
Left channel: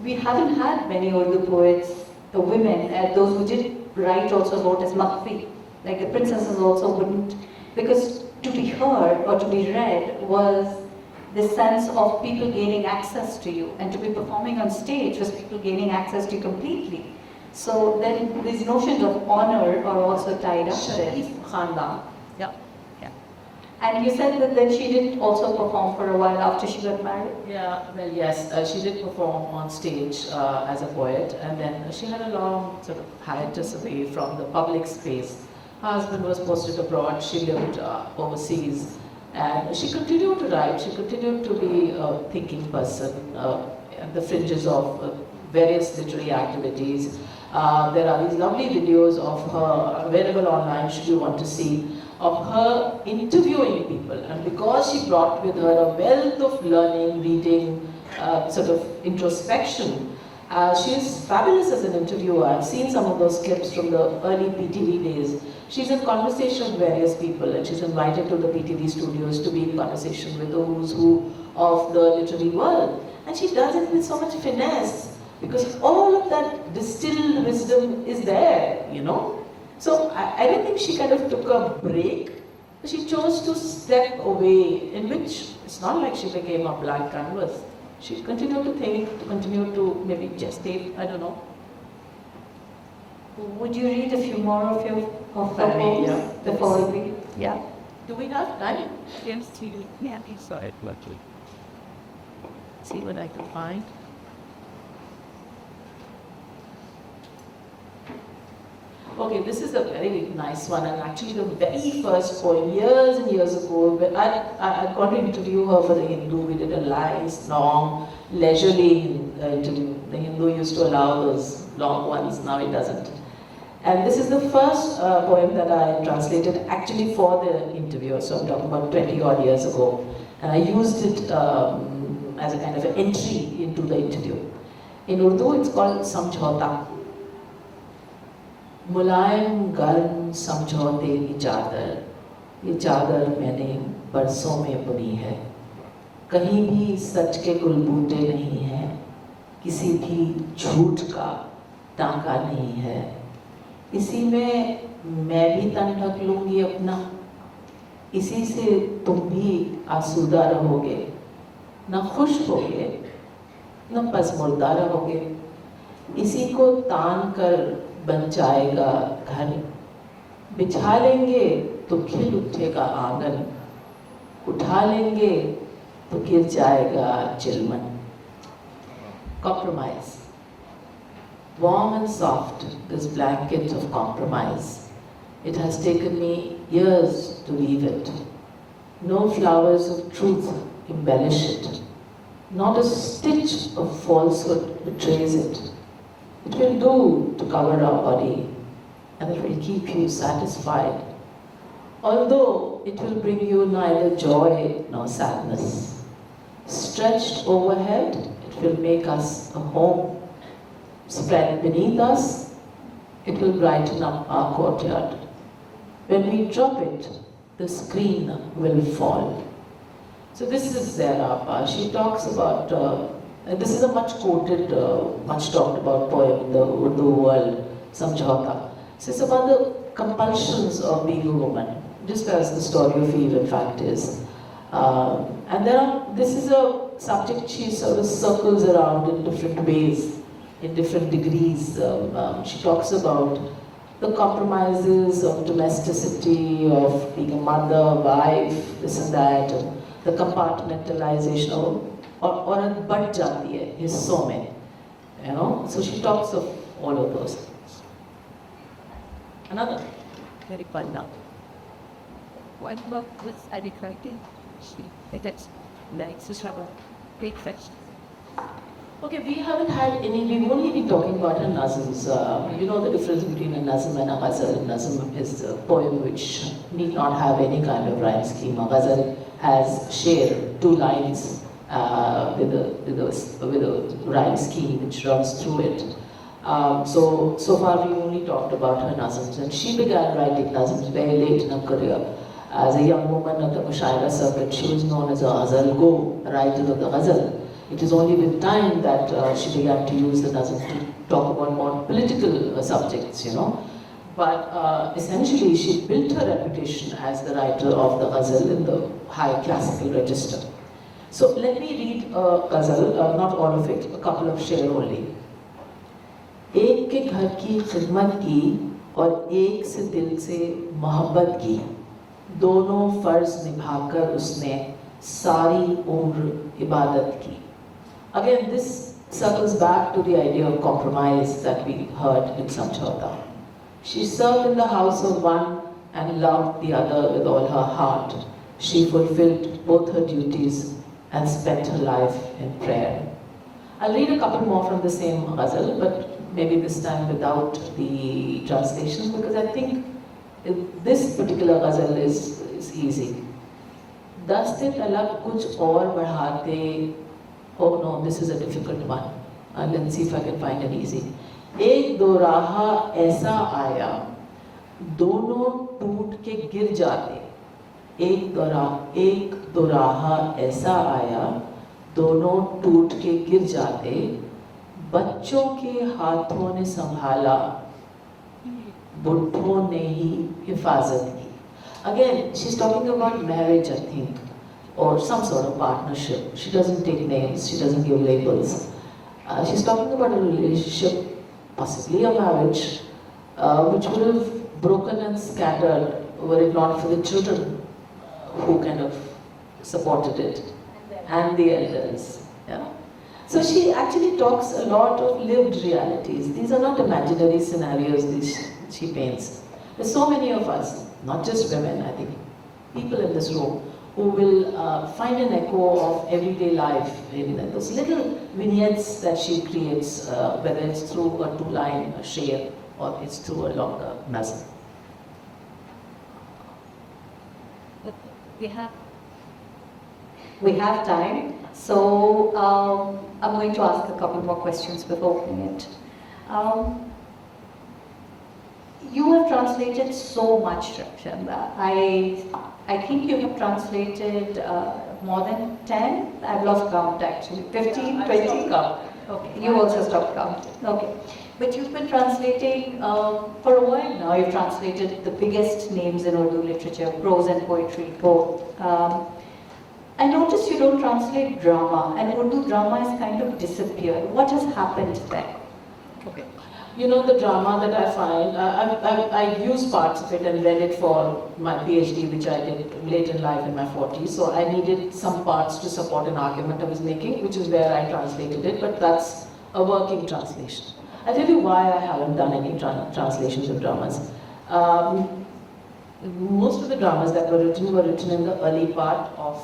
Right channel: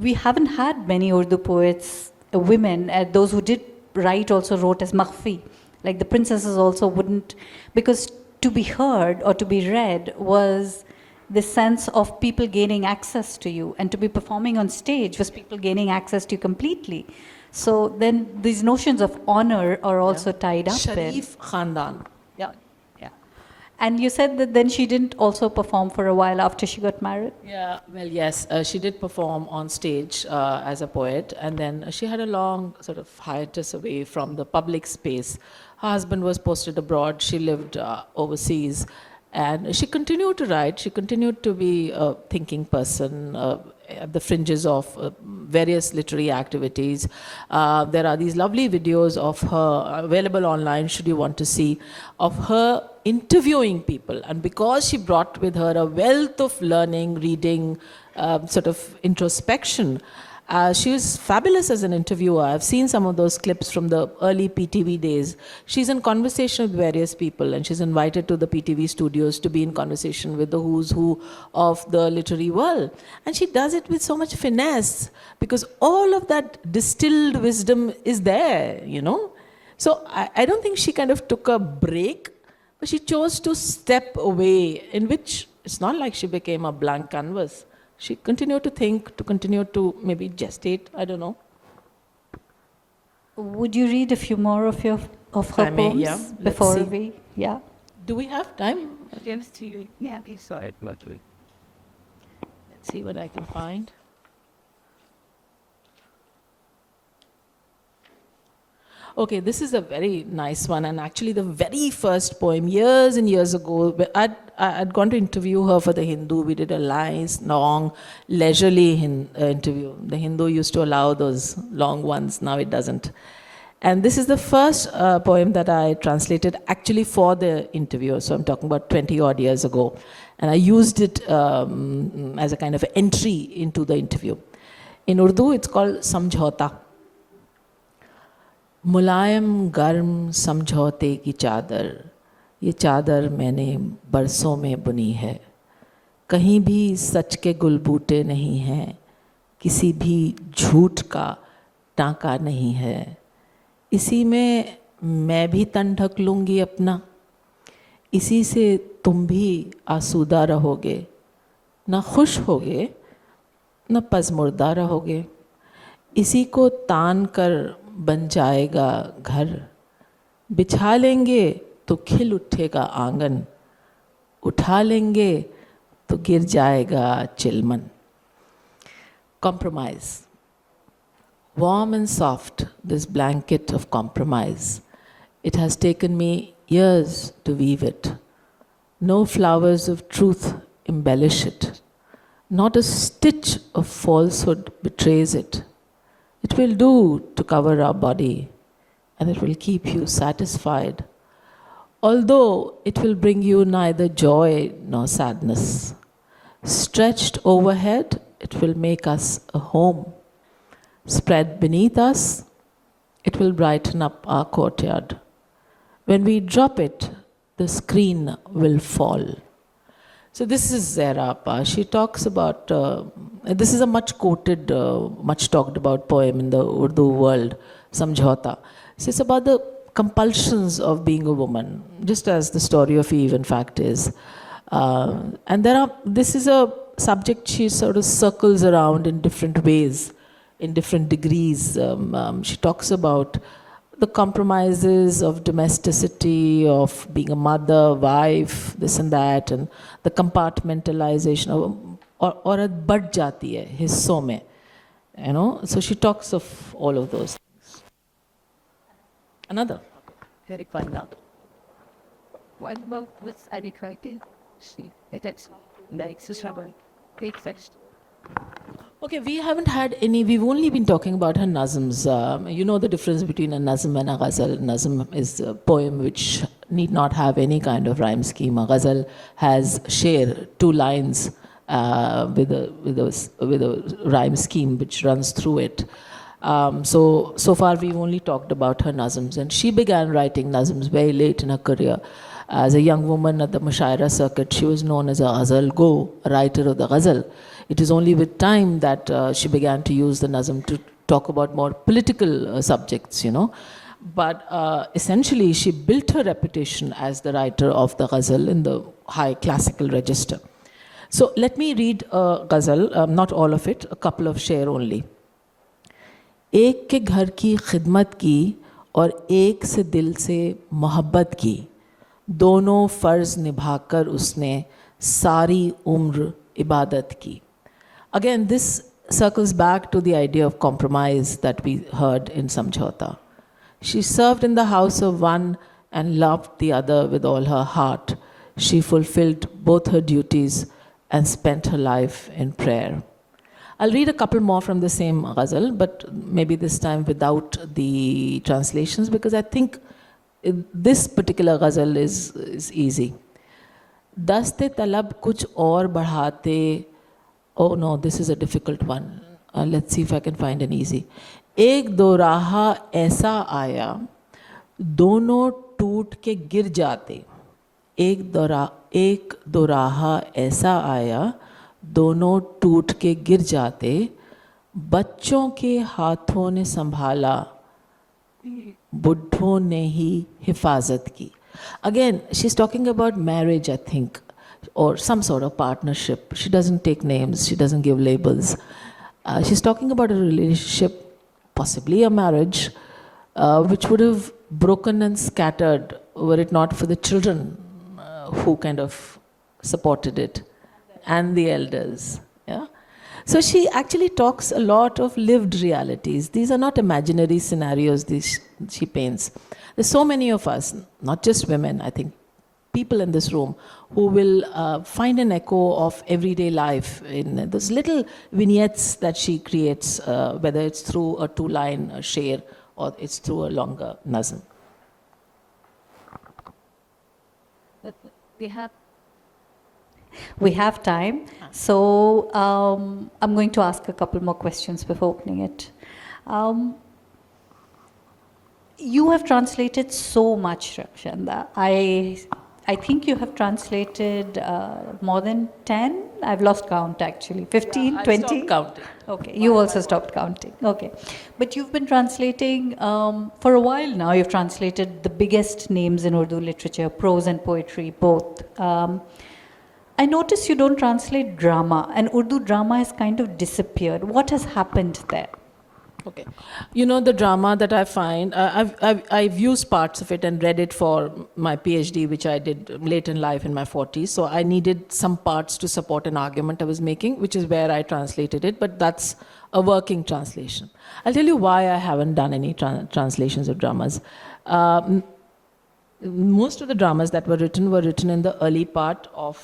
we haven't had many Urdu poets, women, those who did write also wrote as makhfi. Like the princesses also wouldn't, because to be heard or to be read was the sense of people gaining access to you, and to be performing on stage was people gaining access to you completely. So then these notions of honor are also tied up there. Sharif Khandan. Yeah. And you said that then she didn't also perform for a while after she got married? Yeah, well, yes, she did perform on stage as a poet, and then she had a long sort of hiatus away from the public space. Her husband was posted abroad, she lived overseas, and she continued to write. She continued to be a thinking person at the fringes of various literary activities. There are these lovely videos of her available online, should you want to see, of her interviewing people. And because she brought with her a wealth of learning, reading, sort of introspection, she was fabulous as an interviewer. I've seen some of those clips from the early PTV days. She's in conversation with various people, and she's invited to the PTV studios to be in conversation with the who's who of the literary world. And she does it with so much finesse, because all of that distilled wisdom is there, you know. So I don't think she kind of took a break, but she chose to step away, in which it's not like she became a blank canvas. She continued to think, to continue to maybe gestate, I don't know. Would you read a few more of her poems before we? Yeah. Do we have time? Yes, yeah, he saw it luckily. See what I can find. Okay, this is a very nice one, and actually the very first poem, years and years ago, I'd gone to interview her for the Hindu. We did a nice, long, leisurely interview. The Hindu used to allow those long ones, now it doesn't. And this is the first poem that I translated actually for the interview, so I'm talking about 20 odd years ago. And I used it as a kind of entry into the interview. In Urdu, it's called Samjhauta. मुलायम गर्म समझौते की चादर, ये चादर मैंने बरसों में बुनी है। कहीं भी सच के गुलबूटे नहीं हैं, किसी भी झूठ का टांका नहीं है। इसी में मैं भी तन ढक लूँगी अपना, इसी से तुम भी आसूदा रहोगे। न खुश होगे न पज़मुर्दा रहोगे, इसी को तान कर बन जाएगा घर। बिछा लेंगे तो खिल उठेगा आंगन, उठा लेंगे तो गिर जाएगा चिलमन। Compromise. Warm and soft, this blanket of compromise. It has taken me years to weave it. No flowers of truth embellish it. Not a stitch of falsehood betrays it. It will do to cover our body, and it will keep you satisfied, although it will bring you neither joy nor sadness. Stretched overhead, it will make us a home. Spread beneath us, it will brighten up our courtyard. When we drop it, the screen will fall. So this is Zehra. She talks about this is a much quoted, much talked about poem in the Urdu world, Samjhauta. So it's about the compulsions of being a woman, just as the story of Eve in fact is. And this is a subject she sort of circles around in different ways, in different degrees. She talks about the compromises of domesticity, of being a mother, wife, this and that, and the compartmentalization of औरत बढ़ जाती है हिस्सों में, you know. So she talks of all of those. Another Very fun now. What about with Annie Zaidi? That's nice to have a great fest. Okay, we haven't had any, we've only been talking about her nazms. You know the difference between a nazm and a ghazal. Nazm is a poem which need not have any kind of rhyme scheme. A ghazal has sher, 2 lines, with a rhyme scheme which runs through it. So far we've only talked about her nazms, and she began writing nazms very late in her career. As a young woman at the Mushaira circuit, she was known as a ghazal go, a writer of the ghazal. It is only with time that she began to use the nazm to talk about more political subjects, you know. But essentially she built her reputation as the writer of the ghazal in the high classical register. So let me read a ghazal, not all of it, a couple of sher only. एक के घर की खिदमत की और एक से दिल से मोहब्बत की, दोनों फ़र्ज़ निभाकर उसने सारी उम्र इबादत की. Again, this circles back to the idea of compromise that we heard in Samjhauta. She served in the house of one and loved the other with all her heart. She fulfilled both her duties and spent her life in prayer. I'll read a couple more from the same ghazal, but maybe this time without the translations, because I think this particular ghazal is easy. Daste talab kuch aur बढ़ाते. Oh no, this is a difficult one. Let's see if I can find an easy. एक दो राहा ऐसा आया, दोनों टूट के गिर जाते. एक दो राहा ऐसा आया, दोनों टूट के गिर जाते. बच्चों के हाथों ने संभाला, बुढ़ों ने ही हिफाजत की. Again, she's talking about marriage, I think, or some sort of partnership. She doesn't take names, she doesn't give labels. She's talking about a relationship, possibly a marriage, which would have broken and scattered were it not for the children who kind of supported it, and the elders. Yeah? So she actually talks a lot of lived realities. These are not imaginary scenarios she paints. There's so many of us, not just women, I think, people in this room, who will find an echo of everyday life in those little vignettes that she creates, whether it's through a two-line sher or it's through a longer nazm. But we have We have time, so I'm going to ask a couple more questions before opening it. You have translated so much, Rakshanda. I think you have translated more than 10. I've lost count actually. 15, 20? Stopped counting. Okay, you also stopped counting. Okay. But you've been translating for a while now. You've translated the biggest names in Urdu literature, prose and poetry, both. I notice you don't translate drama, and Urdu drama has kind of disappeared. What has happened there? Okay. You know, the drama that I find, I've used parts of it and read it for my PhD, which I did late in life in my 40s. So I needed some parts to support an argument I was making, which is where I translated it, but that's a working translation. I'll tell you why I haven't done any translations of dramas. Most of the dramas that were written in the early part of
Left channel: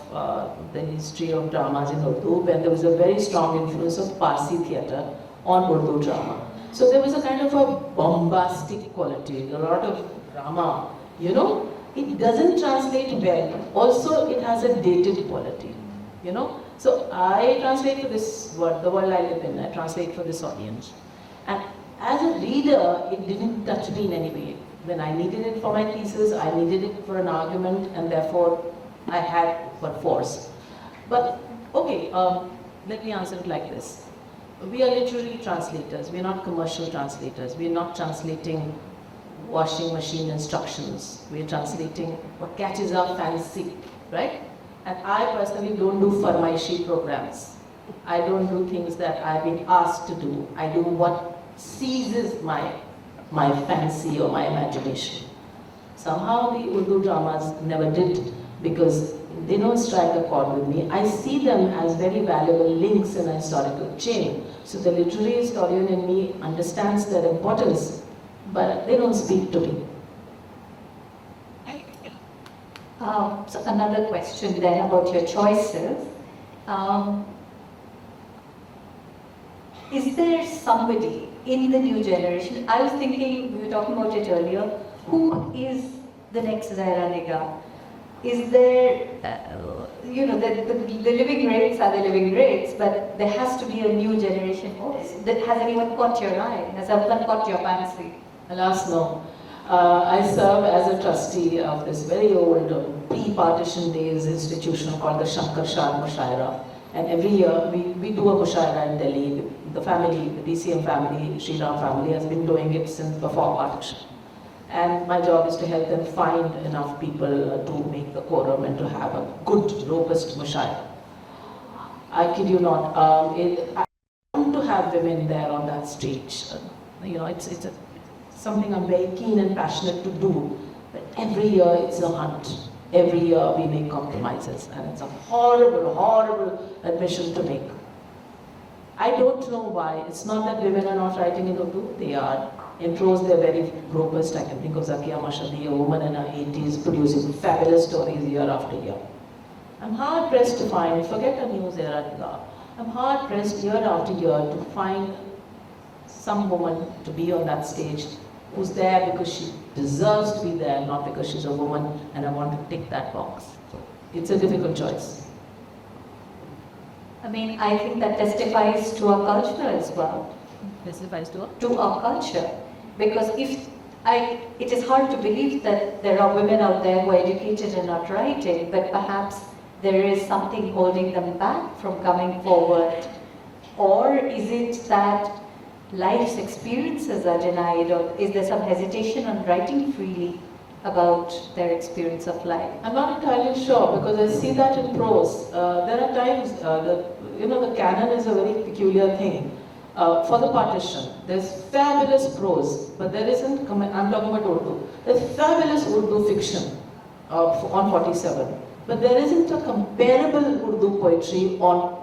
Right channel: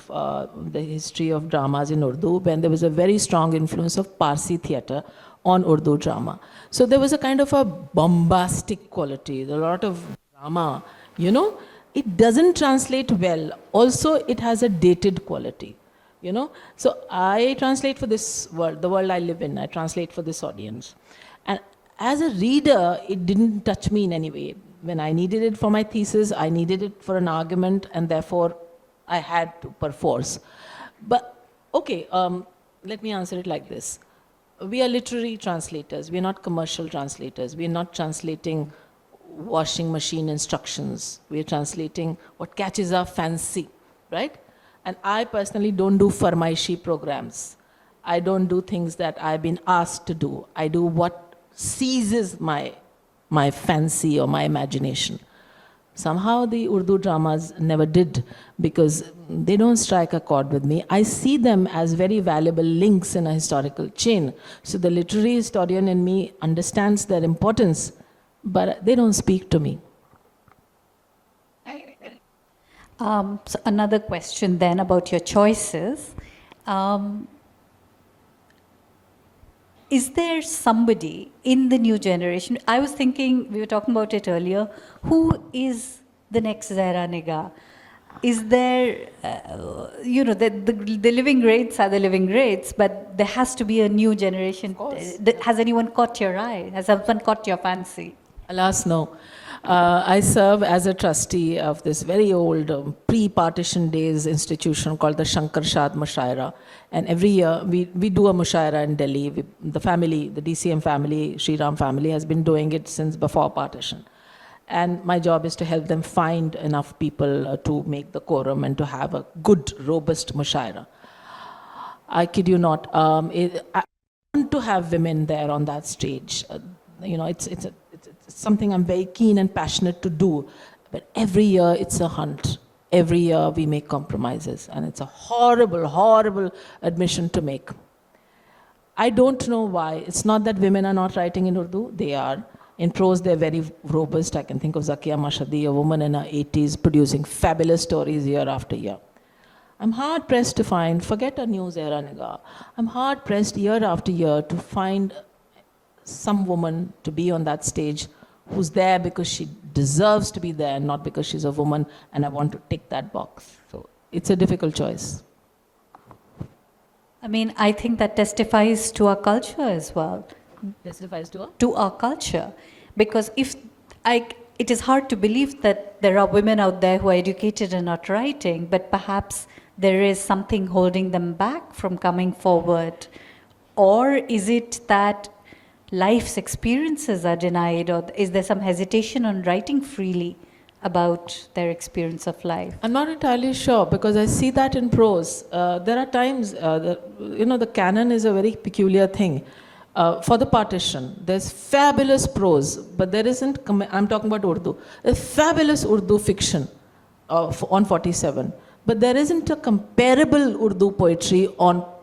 the history of dramas in Urdu, when there was a very strong influence of Parsi theatre on Urdu drama. So there was a kind of a bombastic quality, a lot of drama, you know. It doesn't translate well. Also, it has a dated quality, you know. So I translate for this world, the world I live in, I translate for this audience. And as a reader, it didn't touch me in any way. When I needed it for my thesis, I needed it for an argument, and therefore I had to, perforce. But, okay, let me answer it like this. We are literary translators. We are not commercial translators. We are not translating washing machine instructions. We are translating what catches our fancy, right? And I personally don't do farmaishi programs. I don't do things that I've been asked to do. I do what seizes my fancy or my imagination. Somehow the Urdu dramas never did, because they don't strike a chord with me. I see them as very valuable links in a historical chain. So the literary historian in me understands their importance, but they don't speak to me. So another question then about your choices. Is there somebody in the new generation, I was thinking, we were talking about it earlier, who is the next Zehra Nigah? Is there, you know, the living greats are the living greats, but there has to be a new generation. Has anyone caught your eye? Has someone caught your fancy? Alas, no. I serve as a trustee of this very old pre-partition days institution called the Shankar Shad Mushaira. And every year we do a mushaira in Delhi. The family, the DCM family, Sri Ram family has been doing it since before partition. And my job is to help them find enough people to make the quorum and to have a good, robust mushaira. I kid you not, I want to have women there on that stage. You know, it's something I'm very keen and passionate to do. But every year it's a hunt. Every year we make compromises, and it's a horrible, horrible admission to make. I don't know why. It's not that women are not writing in Urdu. They are. In prose, they're very robust. I can think of Zakia Mashhadi, a woman in her 80s, producing fabulous stories year after year. I'm hard-pressed to find, forget a new Zehra Nigah, I'm hard-pressed year after year to find some woman to be on that stage who's there because she deserves to be there, not because she's a woman and I want to tick that box. So it's a difficult choice. I mean, I think that testifies to our culture as well. testifies to To our culture. Because it is hard to believe that there are women out there who are educated and not writing, but perhaps there is something holding them back from coming forward. Or is it that life's experiences are denied, or is there some hesitation on writing freely about their experience of life? I'm not entirely sure, because I see that in prose. There are times the canon is a very peculiar thing. For the partition, there's fabulous prose, but there isn't, I'm talking about Urdu, there's fabulous Urdu fiction on 47, but there isn't a comparable Urdu poetry on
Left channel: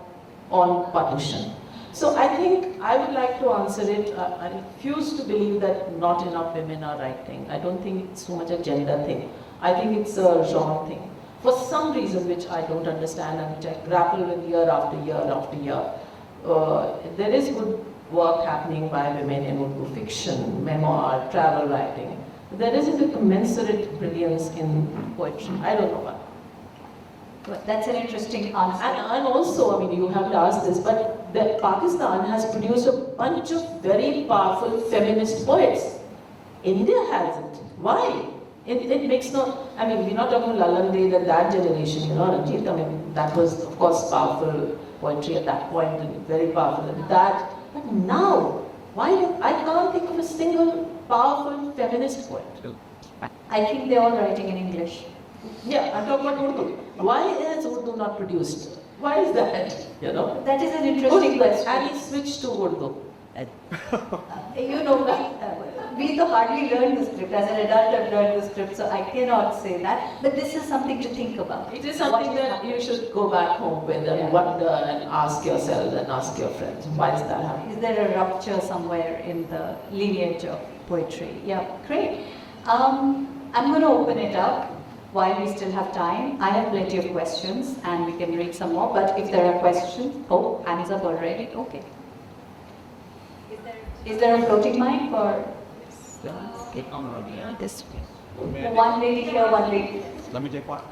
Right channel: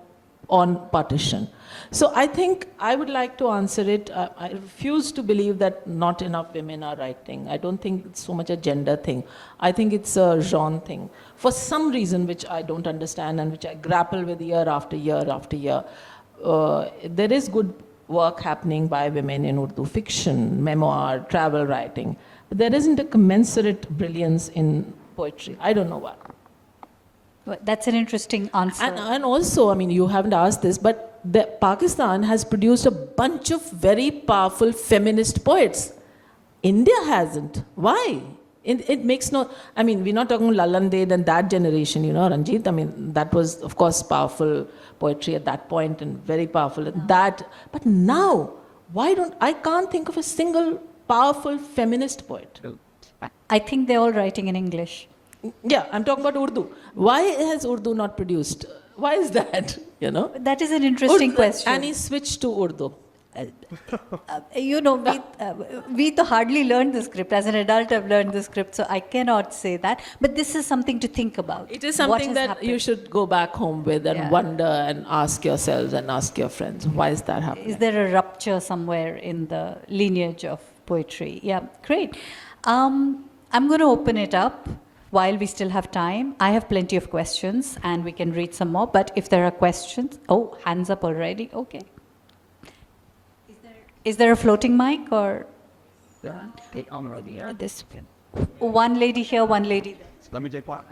on partition. So I think I would like to answer it. I refuse to believe that not enough women are writing. I don't think it's so much a gender thing. I think it's a genre thing. For some reason which I don't understand and which I grapple with year after year after year, there is good work happening by women in Urdu fiction, memoir, travel writing. But there isn't a commensurate brilliance in poetry. I don't know why. Well, that's an interesting answer. And also, I mean, you haven't asked this, but Pakistan has produced a bunch of very powerful feminist poets. India hasn't. Why? It makes no. I mean, we're not talking Lalande and that generation, you know, Ranjit. I mean, that was, of course, powerful poetry at that point and very powerful in that. But now, I can't think of a single powerful feminist poet. I think they're all writing in English. Yeah, I'm talking about Urdu. Why has Urdu not produced? Why is that? You know? That is an interesting Urdu, question. Annie switched to Urdu. You know, we hardly learned the script. As an adult, I've learned the script, so I cannot say that. But this is something to think about. It is something What has that happened? you should go back home with and Yeah. wonder and ask yourselves and ask your friends, why is that happening? Is there a rupture somewhere in the lineage of poetry? Yeah, great. I'm going to open it up while we still have time. I have plenty of questions and we can read some more, but if there are questions, oh, hands up already, okay. Is there a floating mic or Get on already. This one lady here, one lady? Let me take one.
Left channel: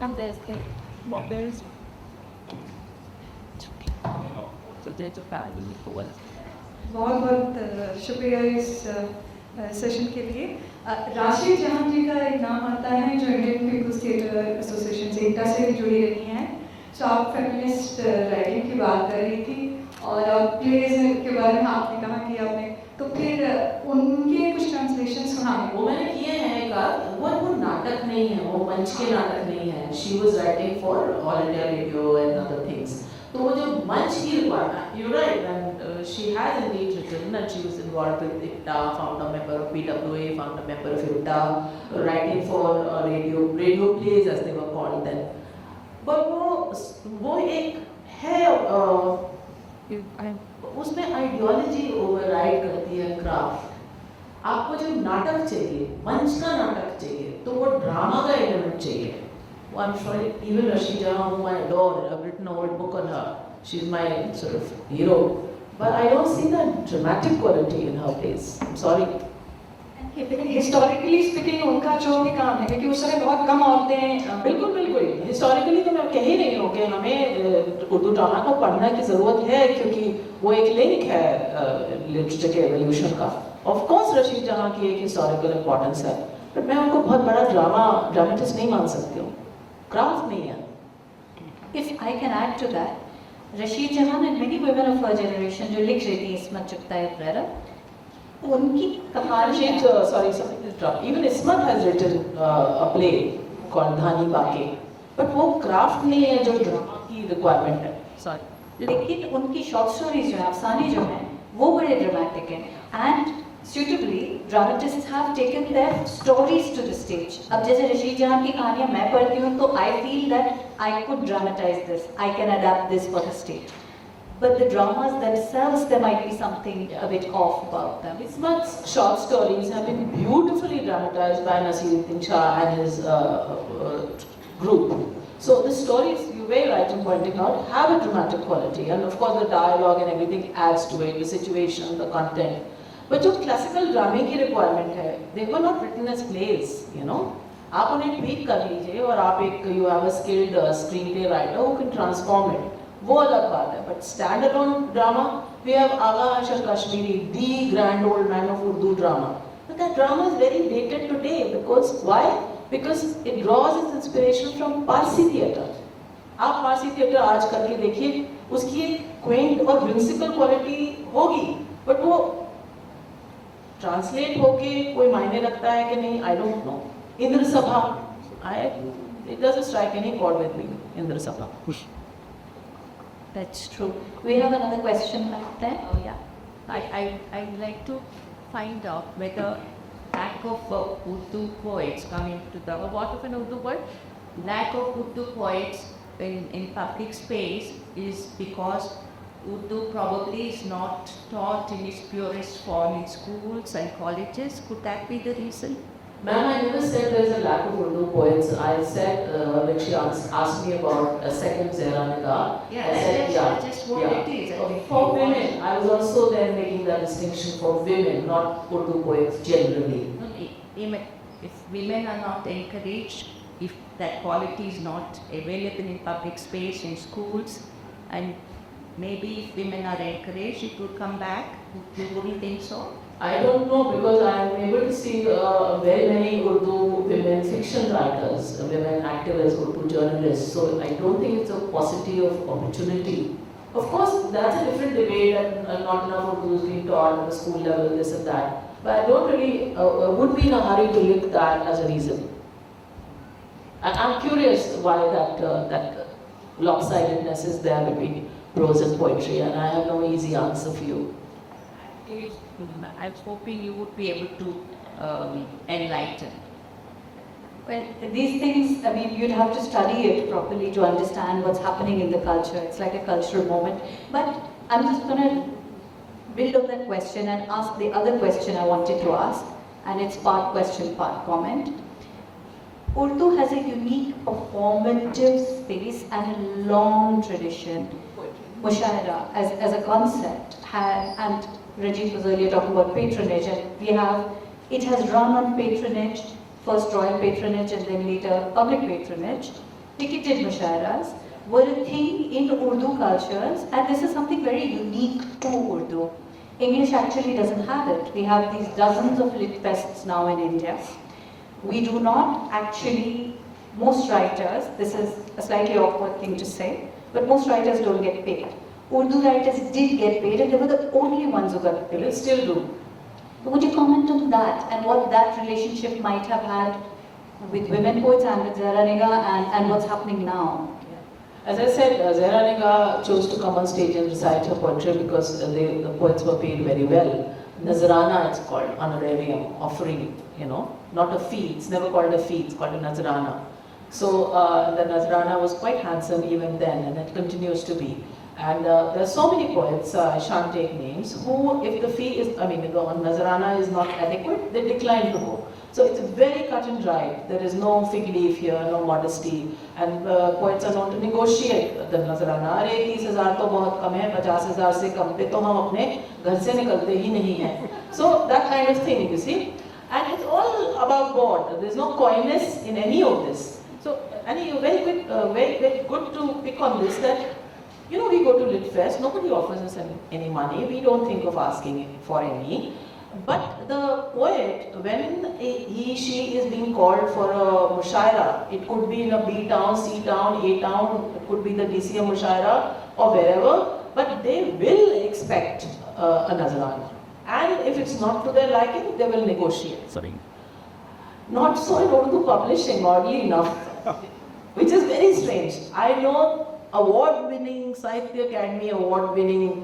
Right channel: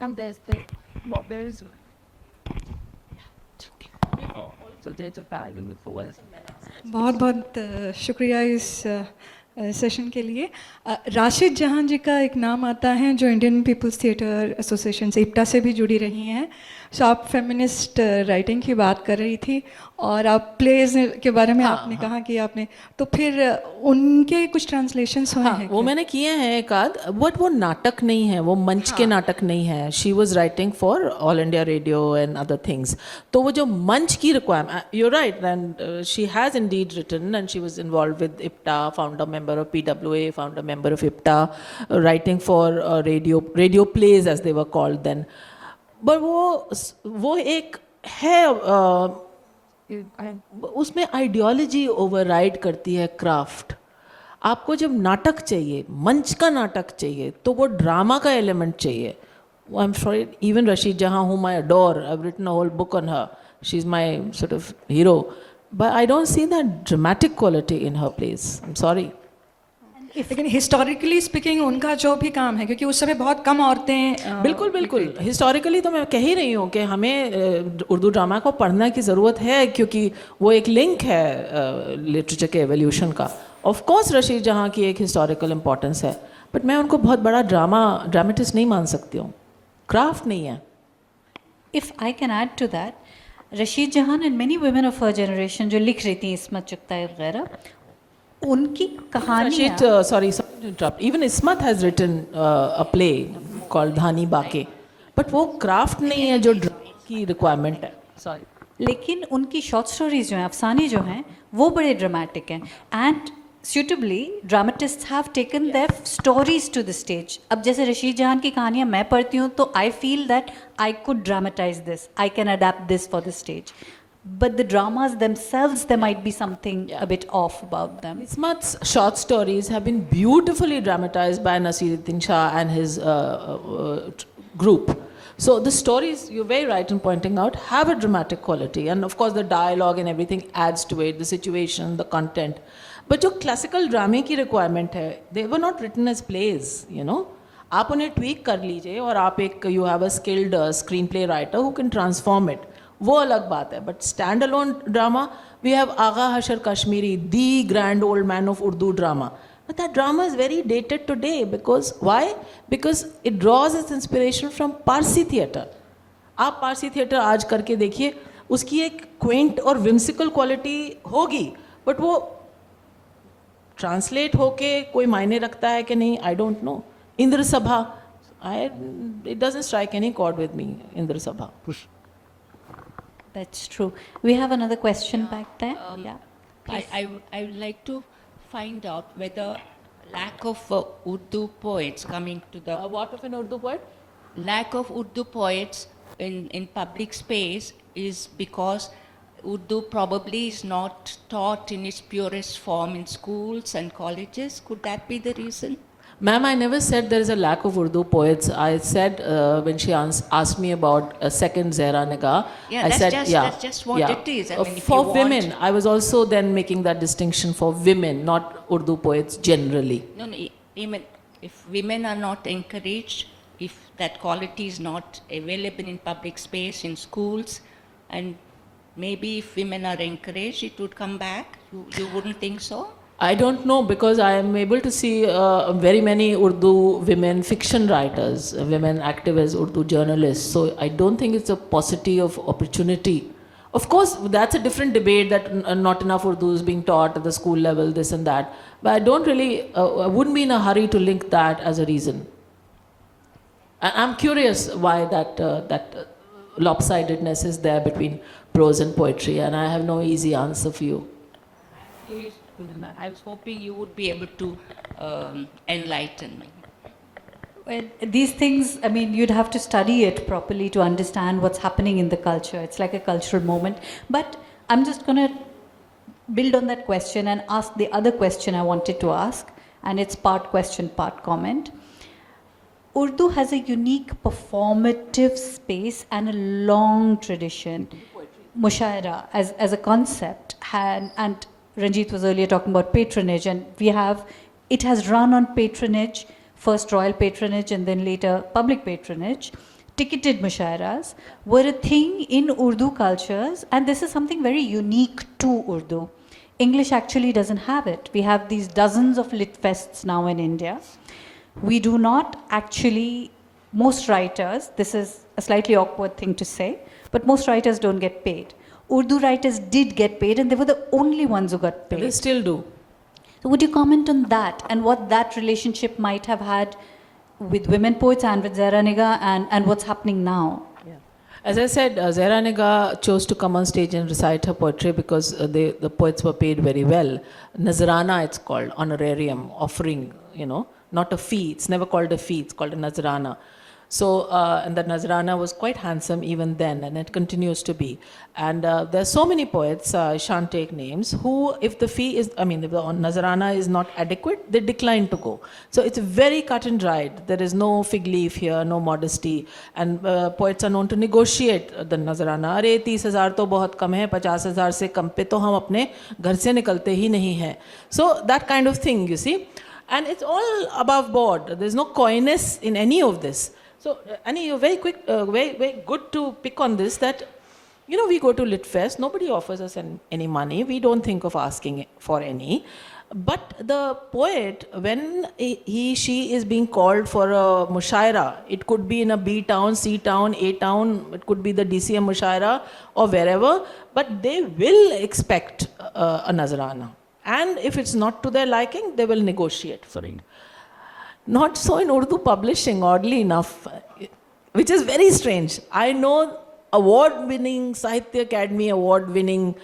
and there's the well, there's Oh. so there's a five for us. बहुत बहुत शुक्रिया इस session के लिए। राशिद जहां जी का एक नाम आता है जो इंडियन पीपल्स थिएटर एसोसिएशन से इप्टा से भी जुड़ी रही हैं। सो आप फेमिनिस्ट राइटिंग की बात कर रही थी और आप प्लेज के बारे में आपने कहा कि आपने तो फिर उनके कुछ ट्रांसलेशंस हुए हाँ, हैं वो मैंने किए हैं एक आध, बट वो नाटक नहीं है, वो मंच के नाटक नहीं है. She was writing for All India Radio and other things. तो वो जो मंच की requirement, you write, and she has indeed written and she was involve with IPTA, founder member of PWA, founder member of IPTA, writing for radio plays as they were called then. But वो एक है, उसमें ideology override करती है craft. आपको जब नाटक चाहिए, मंच का नाटक चाहिए, तो वो ड्रामा का एलिमेंट चाहिए. I am sorry, even Rashid जहाँ whom I adore, I've written a whole book on her, she's my sort of hero, but I don't see that dramatic quality in her plays. I'm sorry. लेकिन historically speaking उनका जो भी काम है क्योंकि उस समय बहुत कम औरतें बिल्कुल बिल्कुल, हिस्टोरिकली तो मैं कह ही रही हूँ कि हमें उर्दू ड्रामा को पढ़ने की ज़रूरत है, क्योंकि वो एक लिंक है लिटरेचर के एवोल्यूशन का. ऑफ कोर्स रशीद जहाँ की एक हिस्टोरिकल इम्पोर्टेंस है, बट मैं उनको बहुत बड़ा ड्रामेटिस्ट नहीं मान सकती हूँ. क्राफ्ट नहीं है. If I can add to that, Rashid Jahan and many women of her generation जो लिख रही थी, इसमत चुगताई वगैरह, उनकी कहानियाँ Rashid, sorry to interrupt. Even Ismat has written a play called Dhani Baake, but वो क्राफ्ट नहीं है जो ड्रामा की रिक्वायरमेंट है. Sorry. लेकिन उनकी शॉर्ट स्टोरीज जो हैं, अफसाने जो हैं, वो बड़े ड्रामेटिक हैं. And suitably dramatists have taken their stories to the stage. अब जैसे रशीद जहान की कहानियाँ मैं पढ़ती हूँ तो I feel that I could dramatize this, I can adapt this for the stage. But the dramas themselves, there might be something a bit off about them. Ismat's short stories have been beautifully dramatized by Nasiruddin Shah and his group. So the stories, you're very right in pointing out, have a dramatic quality, and of course the dialogue and everything adds to it, the situation, the content. But जो classical ड्रामे की requirement है, they were not written as plays, you know. आप उन्हें tweak कर लीजिए और आप एक you have a skilled screenplay writer who can transform it. वो अलग बात है. But standalone drama, we have Agha Hashar Kashmiri, the grand old man of Urdu drama. But that drama is very dated today because why? Because it draws its inspiration from Parsi theatre. आप Parsi theatre आज करके देखिए, उसकी एक Quint और विंसिकल quality होगी, but वो translate होके कोई मायने रखता है कि नहीं, आई डोंट नो. इंद्र सभा, it doesn't strike any chord with me, Indra सभा. That's true. We have another question back there. Yeah. I would like to find out whether lack of Urdu poets coming to the What of an Urdu word? lack of Urdu poets in public space is because Urdu probably is not taught in its purest form in schools and colleges. Could that be the reason? Ma'am, I never said there is a lack of Urdu poets. I said when she asked me about a second Zehra Nigah, Yeah, I that's said, just, yeah, that's just what yeah. it is. I mean, if For you want- women, I was also then making that distinction for women, not Urdu poets generally. No, no, even if women are not encouraged, if that quality is not available in public space, in schools, and maybe if women are encouraged, it would come back. You wouldn't think so? I don't know because I am able to see very many Urdu women fiction writers, women activists, Urdu journalists. So I don't think it's a paucity of opportunity. Of course, that's a different debate that not enough Urdu is being taught at the school level, this and that. But I don't really, I wouldn't be in a hurry to link that as a reason. I'm curious why that lopsidedness is there between prose and poetry, and I have no easy answer for you. I was hoping you would be able to enlighten. Well, these things, I mean, you'd have to study it properly to understand what's happening in the culture. It's like a cultural moment. But I'm just going to build on that question and ask the other question I wanted to ask, and it's part question, part comment. Urdu has a unique performative space and a long tradition. Mushaira as a concept, and Ranjit was earlier talking about patronage, and it has run on patronage, first royal patronage and then later public patronage. Ticketed mushairas were a thing in Urdu cultures, and this is something very unique to Urdu. English actually doesn't have it. We have these dozens of lit fests now in India. We do not actually, most writers, this is a slightly awkward thing to say, but most writers don't get paid. Urdu writers did get paid, and they were the only ones who got paid. They still do. So would you comment on that and what that relationship might have had with women poets and with Zehra Nigah and what's happening now? As I said, Zehra Nigah chose to come on stage and recite her poetry because the poets were paid very well. Nazrana, it's called, honorarium, offering, not a fee. It's never called a fee, it's called a Nazrana. So, and the Nazrana was quite handsome even then, and it continues to be. And there are so many poets, I shan't take names, who, if the fee is, if the Nazrana is not adequate, they decline to go. So it's very cut and dried. There is no fig leaf here, no modesty. And poets are known to negotiate the Nazrana. अरे 30,000 तो बहुत कम है, 50,000 से कम पे तो हम अपने घर से निकलते ही नहीं हैं. So that kind of thing, you see. And it's all above board. There's no coyness in any of this. So, Annie, you're very quick, very good to pick on this, that we go to Lit Fest, nobody offers us any money, we don't think of asking for any. But the poet, when she is being called for a mushaira, it could be in a B town, C town, A town, it could be the DCM mushaira or wherever, but they will expect a Nazrana. And if it's not to their liking, they will negotiate. Sorry. Not so in Urdu publishing, oddly enough, which is very strange. I know award-winning, Sahitya Academy award-winning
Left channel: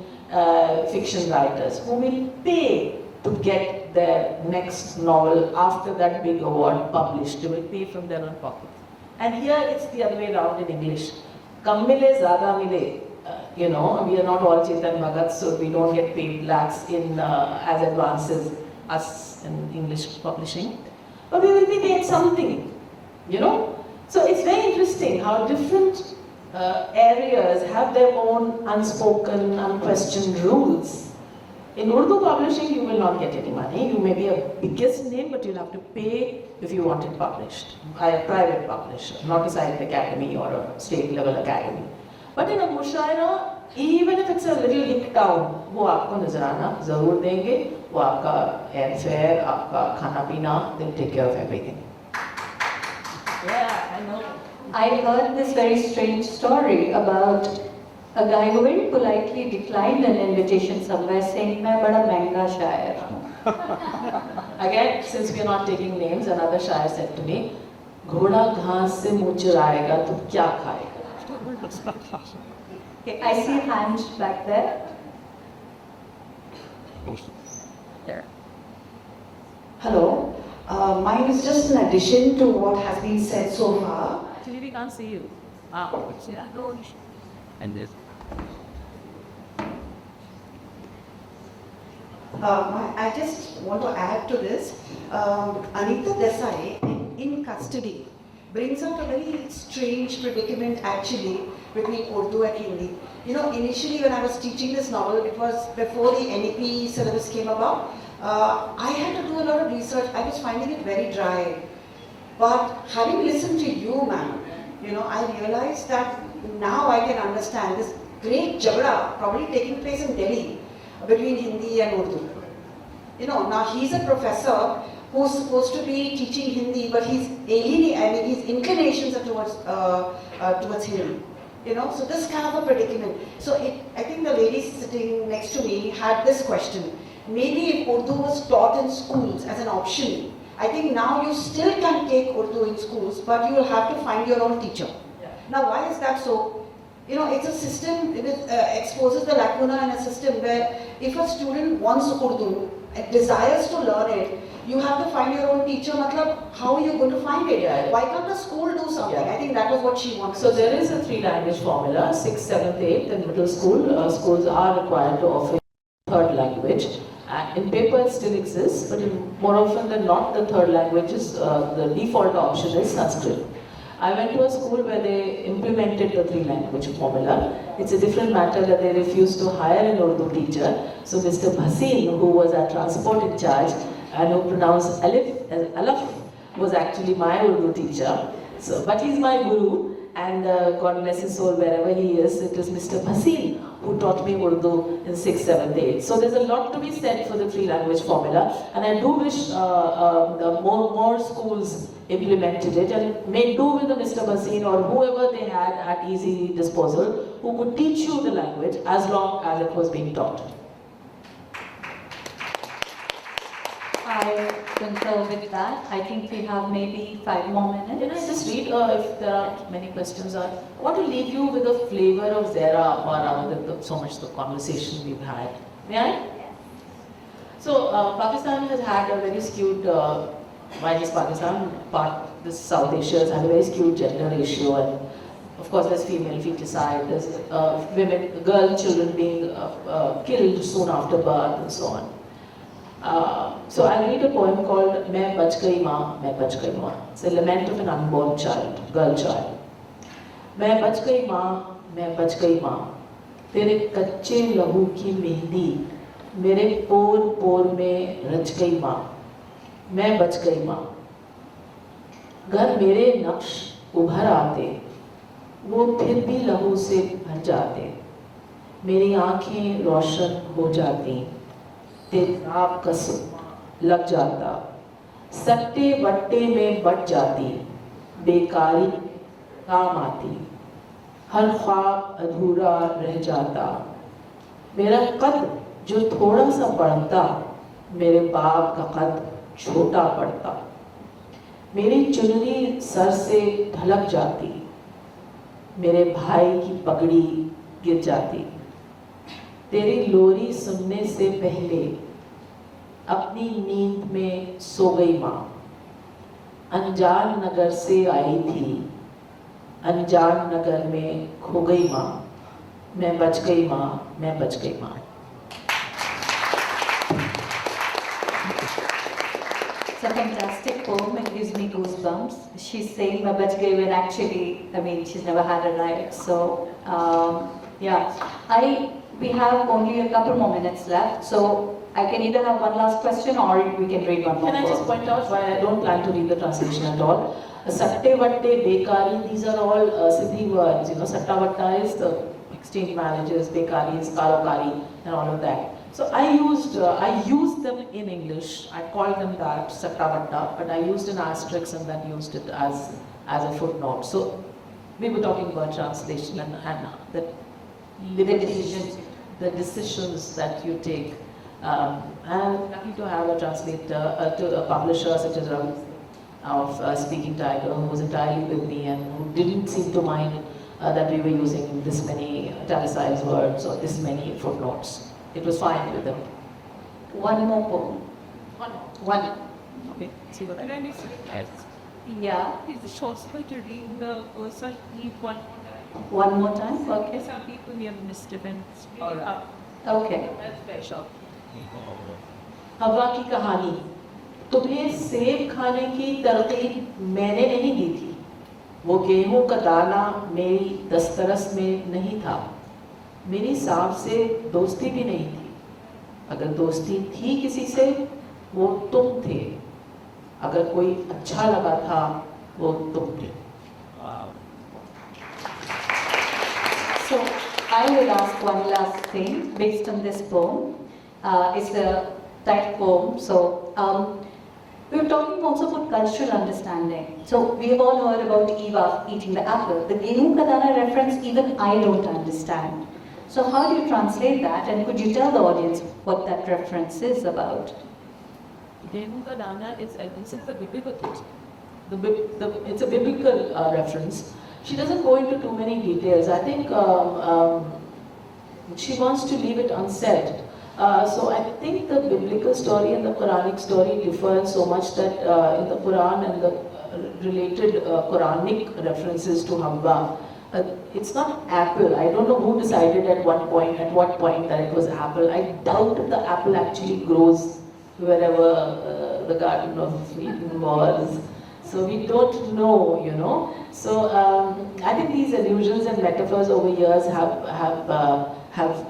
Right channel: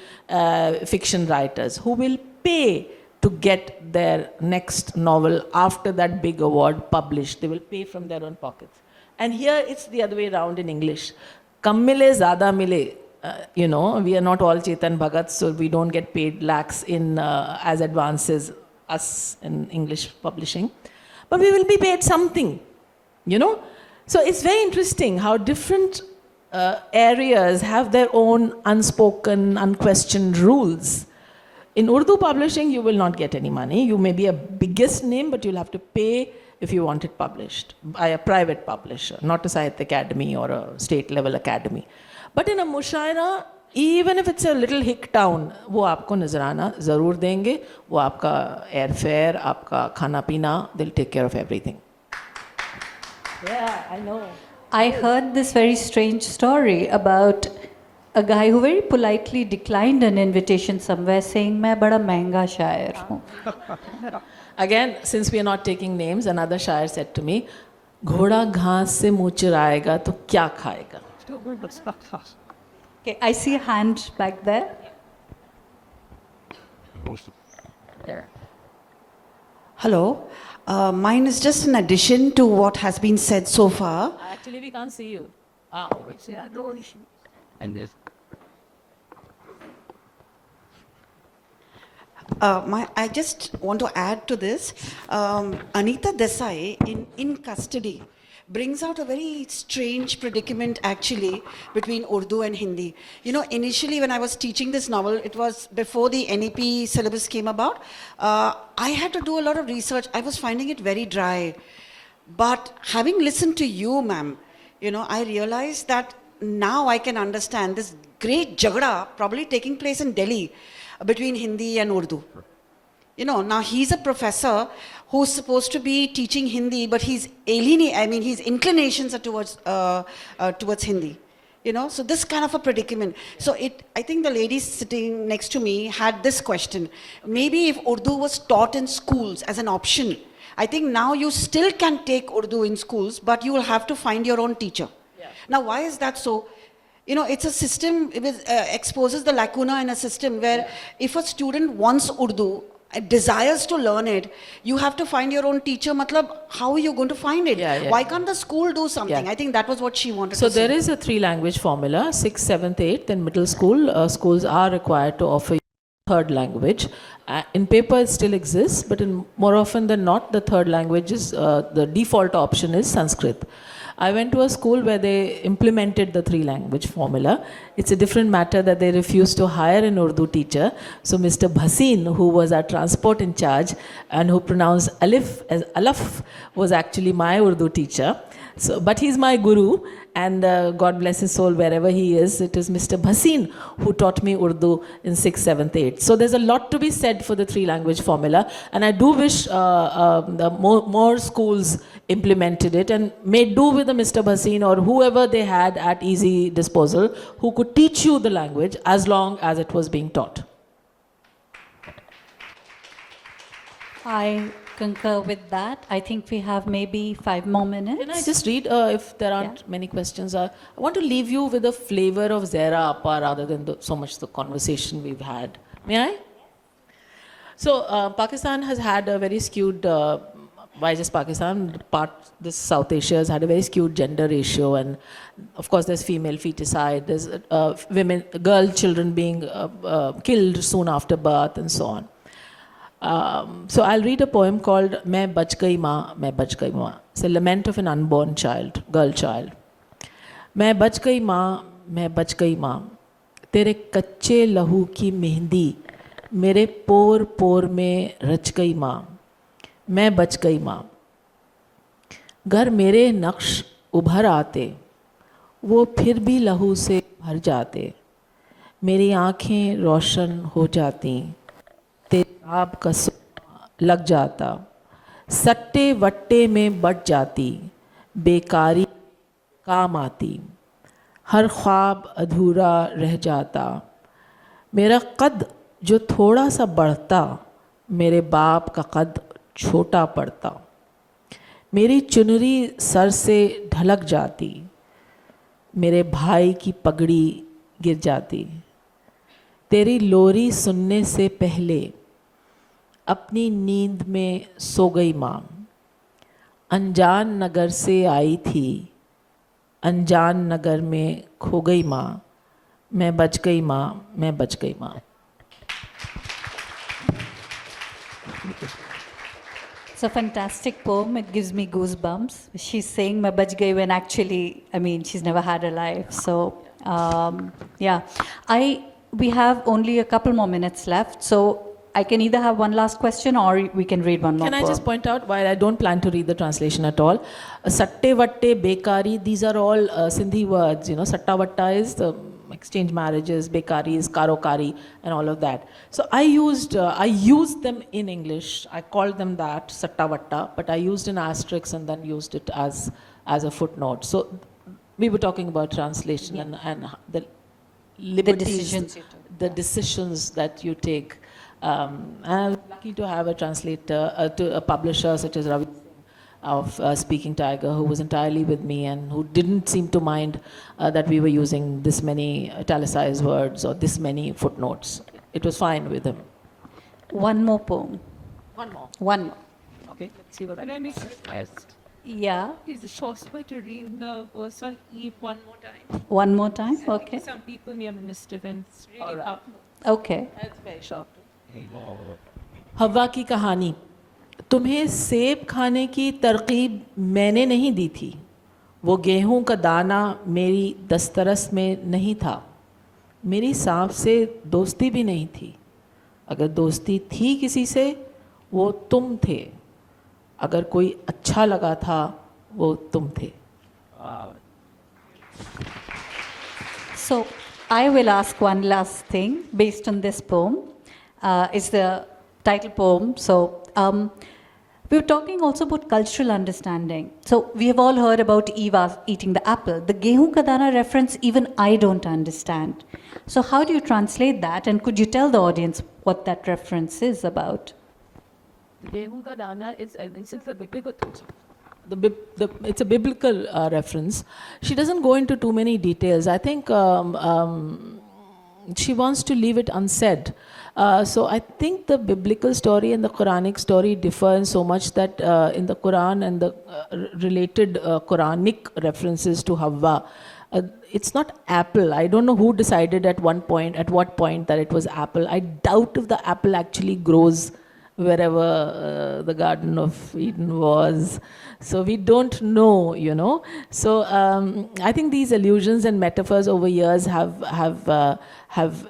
fiction writers who will pay to get their next novel after that big award published. They will pay from their own pockets. And here it's the other way around in English. Kam mile, zada mile. We are not all Chetan Bhagat, so we don't get paid lakhs in as advances, us in English publishing. But we will be paid something, So it's very interesting how different areas have their own unspoken, unquestioned rules. In Urdu publishing, you will not get any money. You may be a biggest name, but you'll have to pay if you want it published by a private publisher, not a Sahitya Academy or a state level academy. But in a mushaira, even if it's a little hick town, वो आपको नजराना ज़रूर देंगे, वो आपका airfare, आपका खाना पीना, they'll take care of everything. Yeah, I know. I heard this very strange story about a guy who very politely declined an invitation somewhere saying, मैं बड़ा महंगा शायर हूँ. Again, since we are not taking names, another shair said to me, घोड़ा घास से मुँह चुराएगा तो क्या खाएगा? Okay, I see a hand back there. There. Hello. Mine is just an addition to what has been said so far. Actually, we can't see you. What's the other one? And this. I just want to add to this. Anita Desai in custody brings out a very strange predicament actually between Urdu and Hindi. You know, initially when I was teaching this novel, it was before the NEP syllabus came about. I had to do a lot of research. I was finding it very dry. But having listened to you, ma'am, you know, I realized that now I can understand this great jagda probably taking place in Delhi between Hindi and Urdu. You know, now he's a professor who's supposed to be teaching Hindi, but he's his inclinations are towards Hindi. You know, so this kind of a predicament. So I think the lady sitting next to me had this question. Maybe if Urdu was taught in schools as an option, I think now you still can take Urdu in schools, but you will have to find your own teacher. Now, why is that so? You know, it's a system, it exposes the lacuna in a system where if a student wants Urdu, desires to learn it, you have to find your own teacher. Matlab, how are you going to find it? Why can't the school do something? I think that was what she wanted So to say. there is a 3-language formula, 6th, 7th, 8th in middle school. Schools are required to offer third language. In paper it still exists, but more often than not, the third language is, the default option is Sanskrit. I went to a school where they implemented the 3-language formula. It's a different matter that they refused to hire an Urdu teacher. So Mr. Bhasin, who was our transport in charge and who pronounced alif as alaf, was actually my Urdu teacher. So, but he's my guru, and God bless his soul wherever he is. It is Mr. Bhasin who taught me Urdu in 6th, 7th, 8th. So there's a lot to be said for the 3-language formula, and I do wish more schools implemented it and made do with the Mr. Bhasin or whoever they had at easy disposal who could teach you the language as long as it was being taught. I concur with that. I think we have maybe 5 more minutes. Can I just read if there aren't many questions? I want to leave you with a flavor of Zehra Appa rather than so much the conversation we've had. May I? So Pakistan has had a very skewed, why just Pakistan, this South Asia has had a very skewed gender ratio, and of course there's female feticide, there's children being killed soon after birth and so on. So I'll read a poem called Main Bach Gayi Maa, Main Bach Gayi Maa. It's a lament of an unborn child, girl child. Main bach gayi maa, main bach gayi maa. Tere kacche lahu ki mehndi, mere por por mein rach gayi maa. Main bach gayi maa. घर मेरे नक्श उभर आते, वो फिर भी लहू से भर जाते. मेरी आँखें रोशन हो जाती, तेजाब का लग जाता. सट्टे वट्टे में बट जाती, बेकारी काम आती. हर ख्वाब अधूरा रह जाता. मेरा कद जो थोड़ा सा बढ़ता, मेरे बाप का कद छोटा पड़ता. मेरी चुनरी सर से ढलक जाती, मेरे भाई की पगड़ी गिर जाती. तेरी लोरी सुनने से पहले अपनी नींद में सो गई माँ. अनजान नगर से आई थी, अनजान नगर में खो गई माँ. मैं बच गई माँ, मैं बच गई माँ. It's a fantastic poem. It gives me goosebumps. She's saying "मैं बच गई" when actually, I mean, she's never had a life. So, yeah, we have only a couple more minutes left. So I can either have one last question or we can read one more. Can I just point out, while I don't plan to read the translation at all, satte vatte, bekari, these are all Sindhi words. You know, satta vatta is the exchange marriages, bekari is karokari, and all of that. So I used them in English. I called them that satta vatta, but I used an asterisk and then used it as a footnote. So we were talking about translation and the liberties, the decisions that you take. And I'm lucky to have a translator, a publisher such as Ravi of Speaking Tiger, who was entirely with me and who didn't seem to mind that we were using this many italicized words or this many footnotes. It was fine with him. One more poem. One more. One. Okay, see what I mean? Yes. Yeah. Is the short way to read the verse? I'll leave one more One more time? Okay. Some people near Mr. Vince or Okay. shop. हवा की कहानी। तुम्हें सेब खाने की तरकीब मैंने नहीं दी थी, वो गेहूं का दाना मेरी दस्तरस में नहीं था, मेरी सांप से दोस्ती भी नहीं थी, अगर दोस्ती थी किसी से वो तुम थे, अगर कोई अच्छा लगा था वो तुम थे। So I will ask one last thing based on this poem. It's the title poem. So we were talking also about cultural understanding. So we have all heard about Eva eating the apple. The Gehu ka dana reference even I don't understand. So how do you translate that, and could you tell the audience what that reference is about? Gehu ka dana is a biblical text. It's a biblical reference. She doesn't go into too many details. I think she wants to leave it unsaid. So I think the biblical story and the Quranic story differ in so much that in the Quran and the related Quranic references to Havva, it's not apple. I don't know who decided at what point that it was apple. I doubt if the apple actually grows wherever the Garden of Eden was. So we don't know, you know. So I think these allusions and metaphors over years have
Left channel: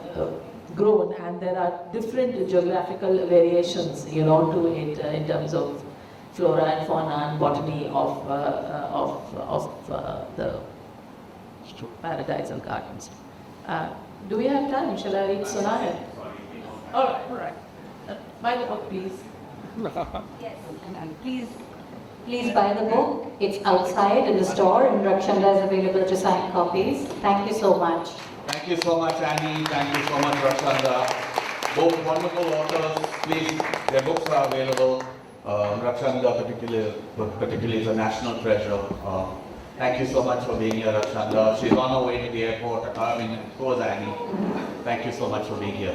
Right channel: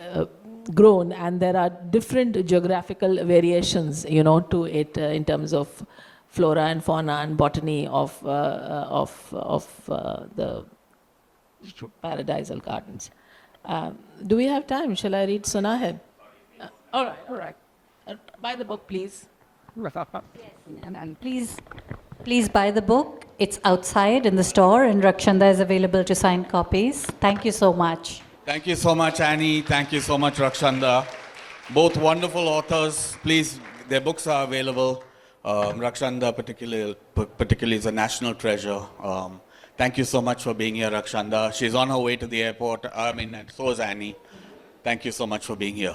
grown, and there are different geographical variations, you know, to it in terms of flora and fauna and botany of the paradisal gardens. Do we have time? Shall I read Sunahed? All right. Buy the book, please. And please buy the book. It's outside in the store, and Rakshanda is available to sign copies. Thank you so much. Thank you so much, Annie. Thank you so much, Rakshanda. Both wonderful authors. Please, their books are available. Rakshanda particularly is a national treasure. Thank you so much for being here, Rakshanda. She's on her way to the airport. So is Annie. Thank you so much for being here.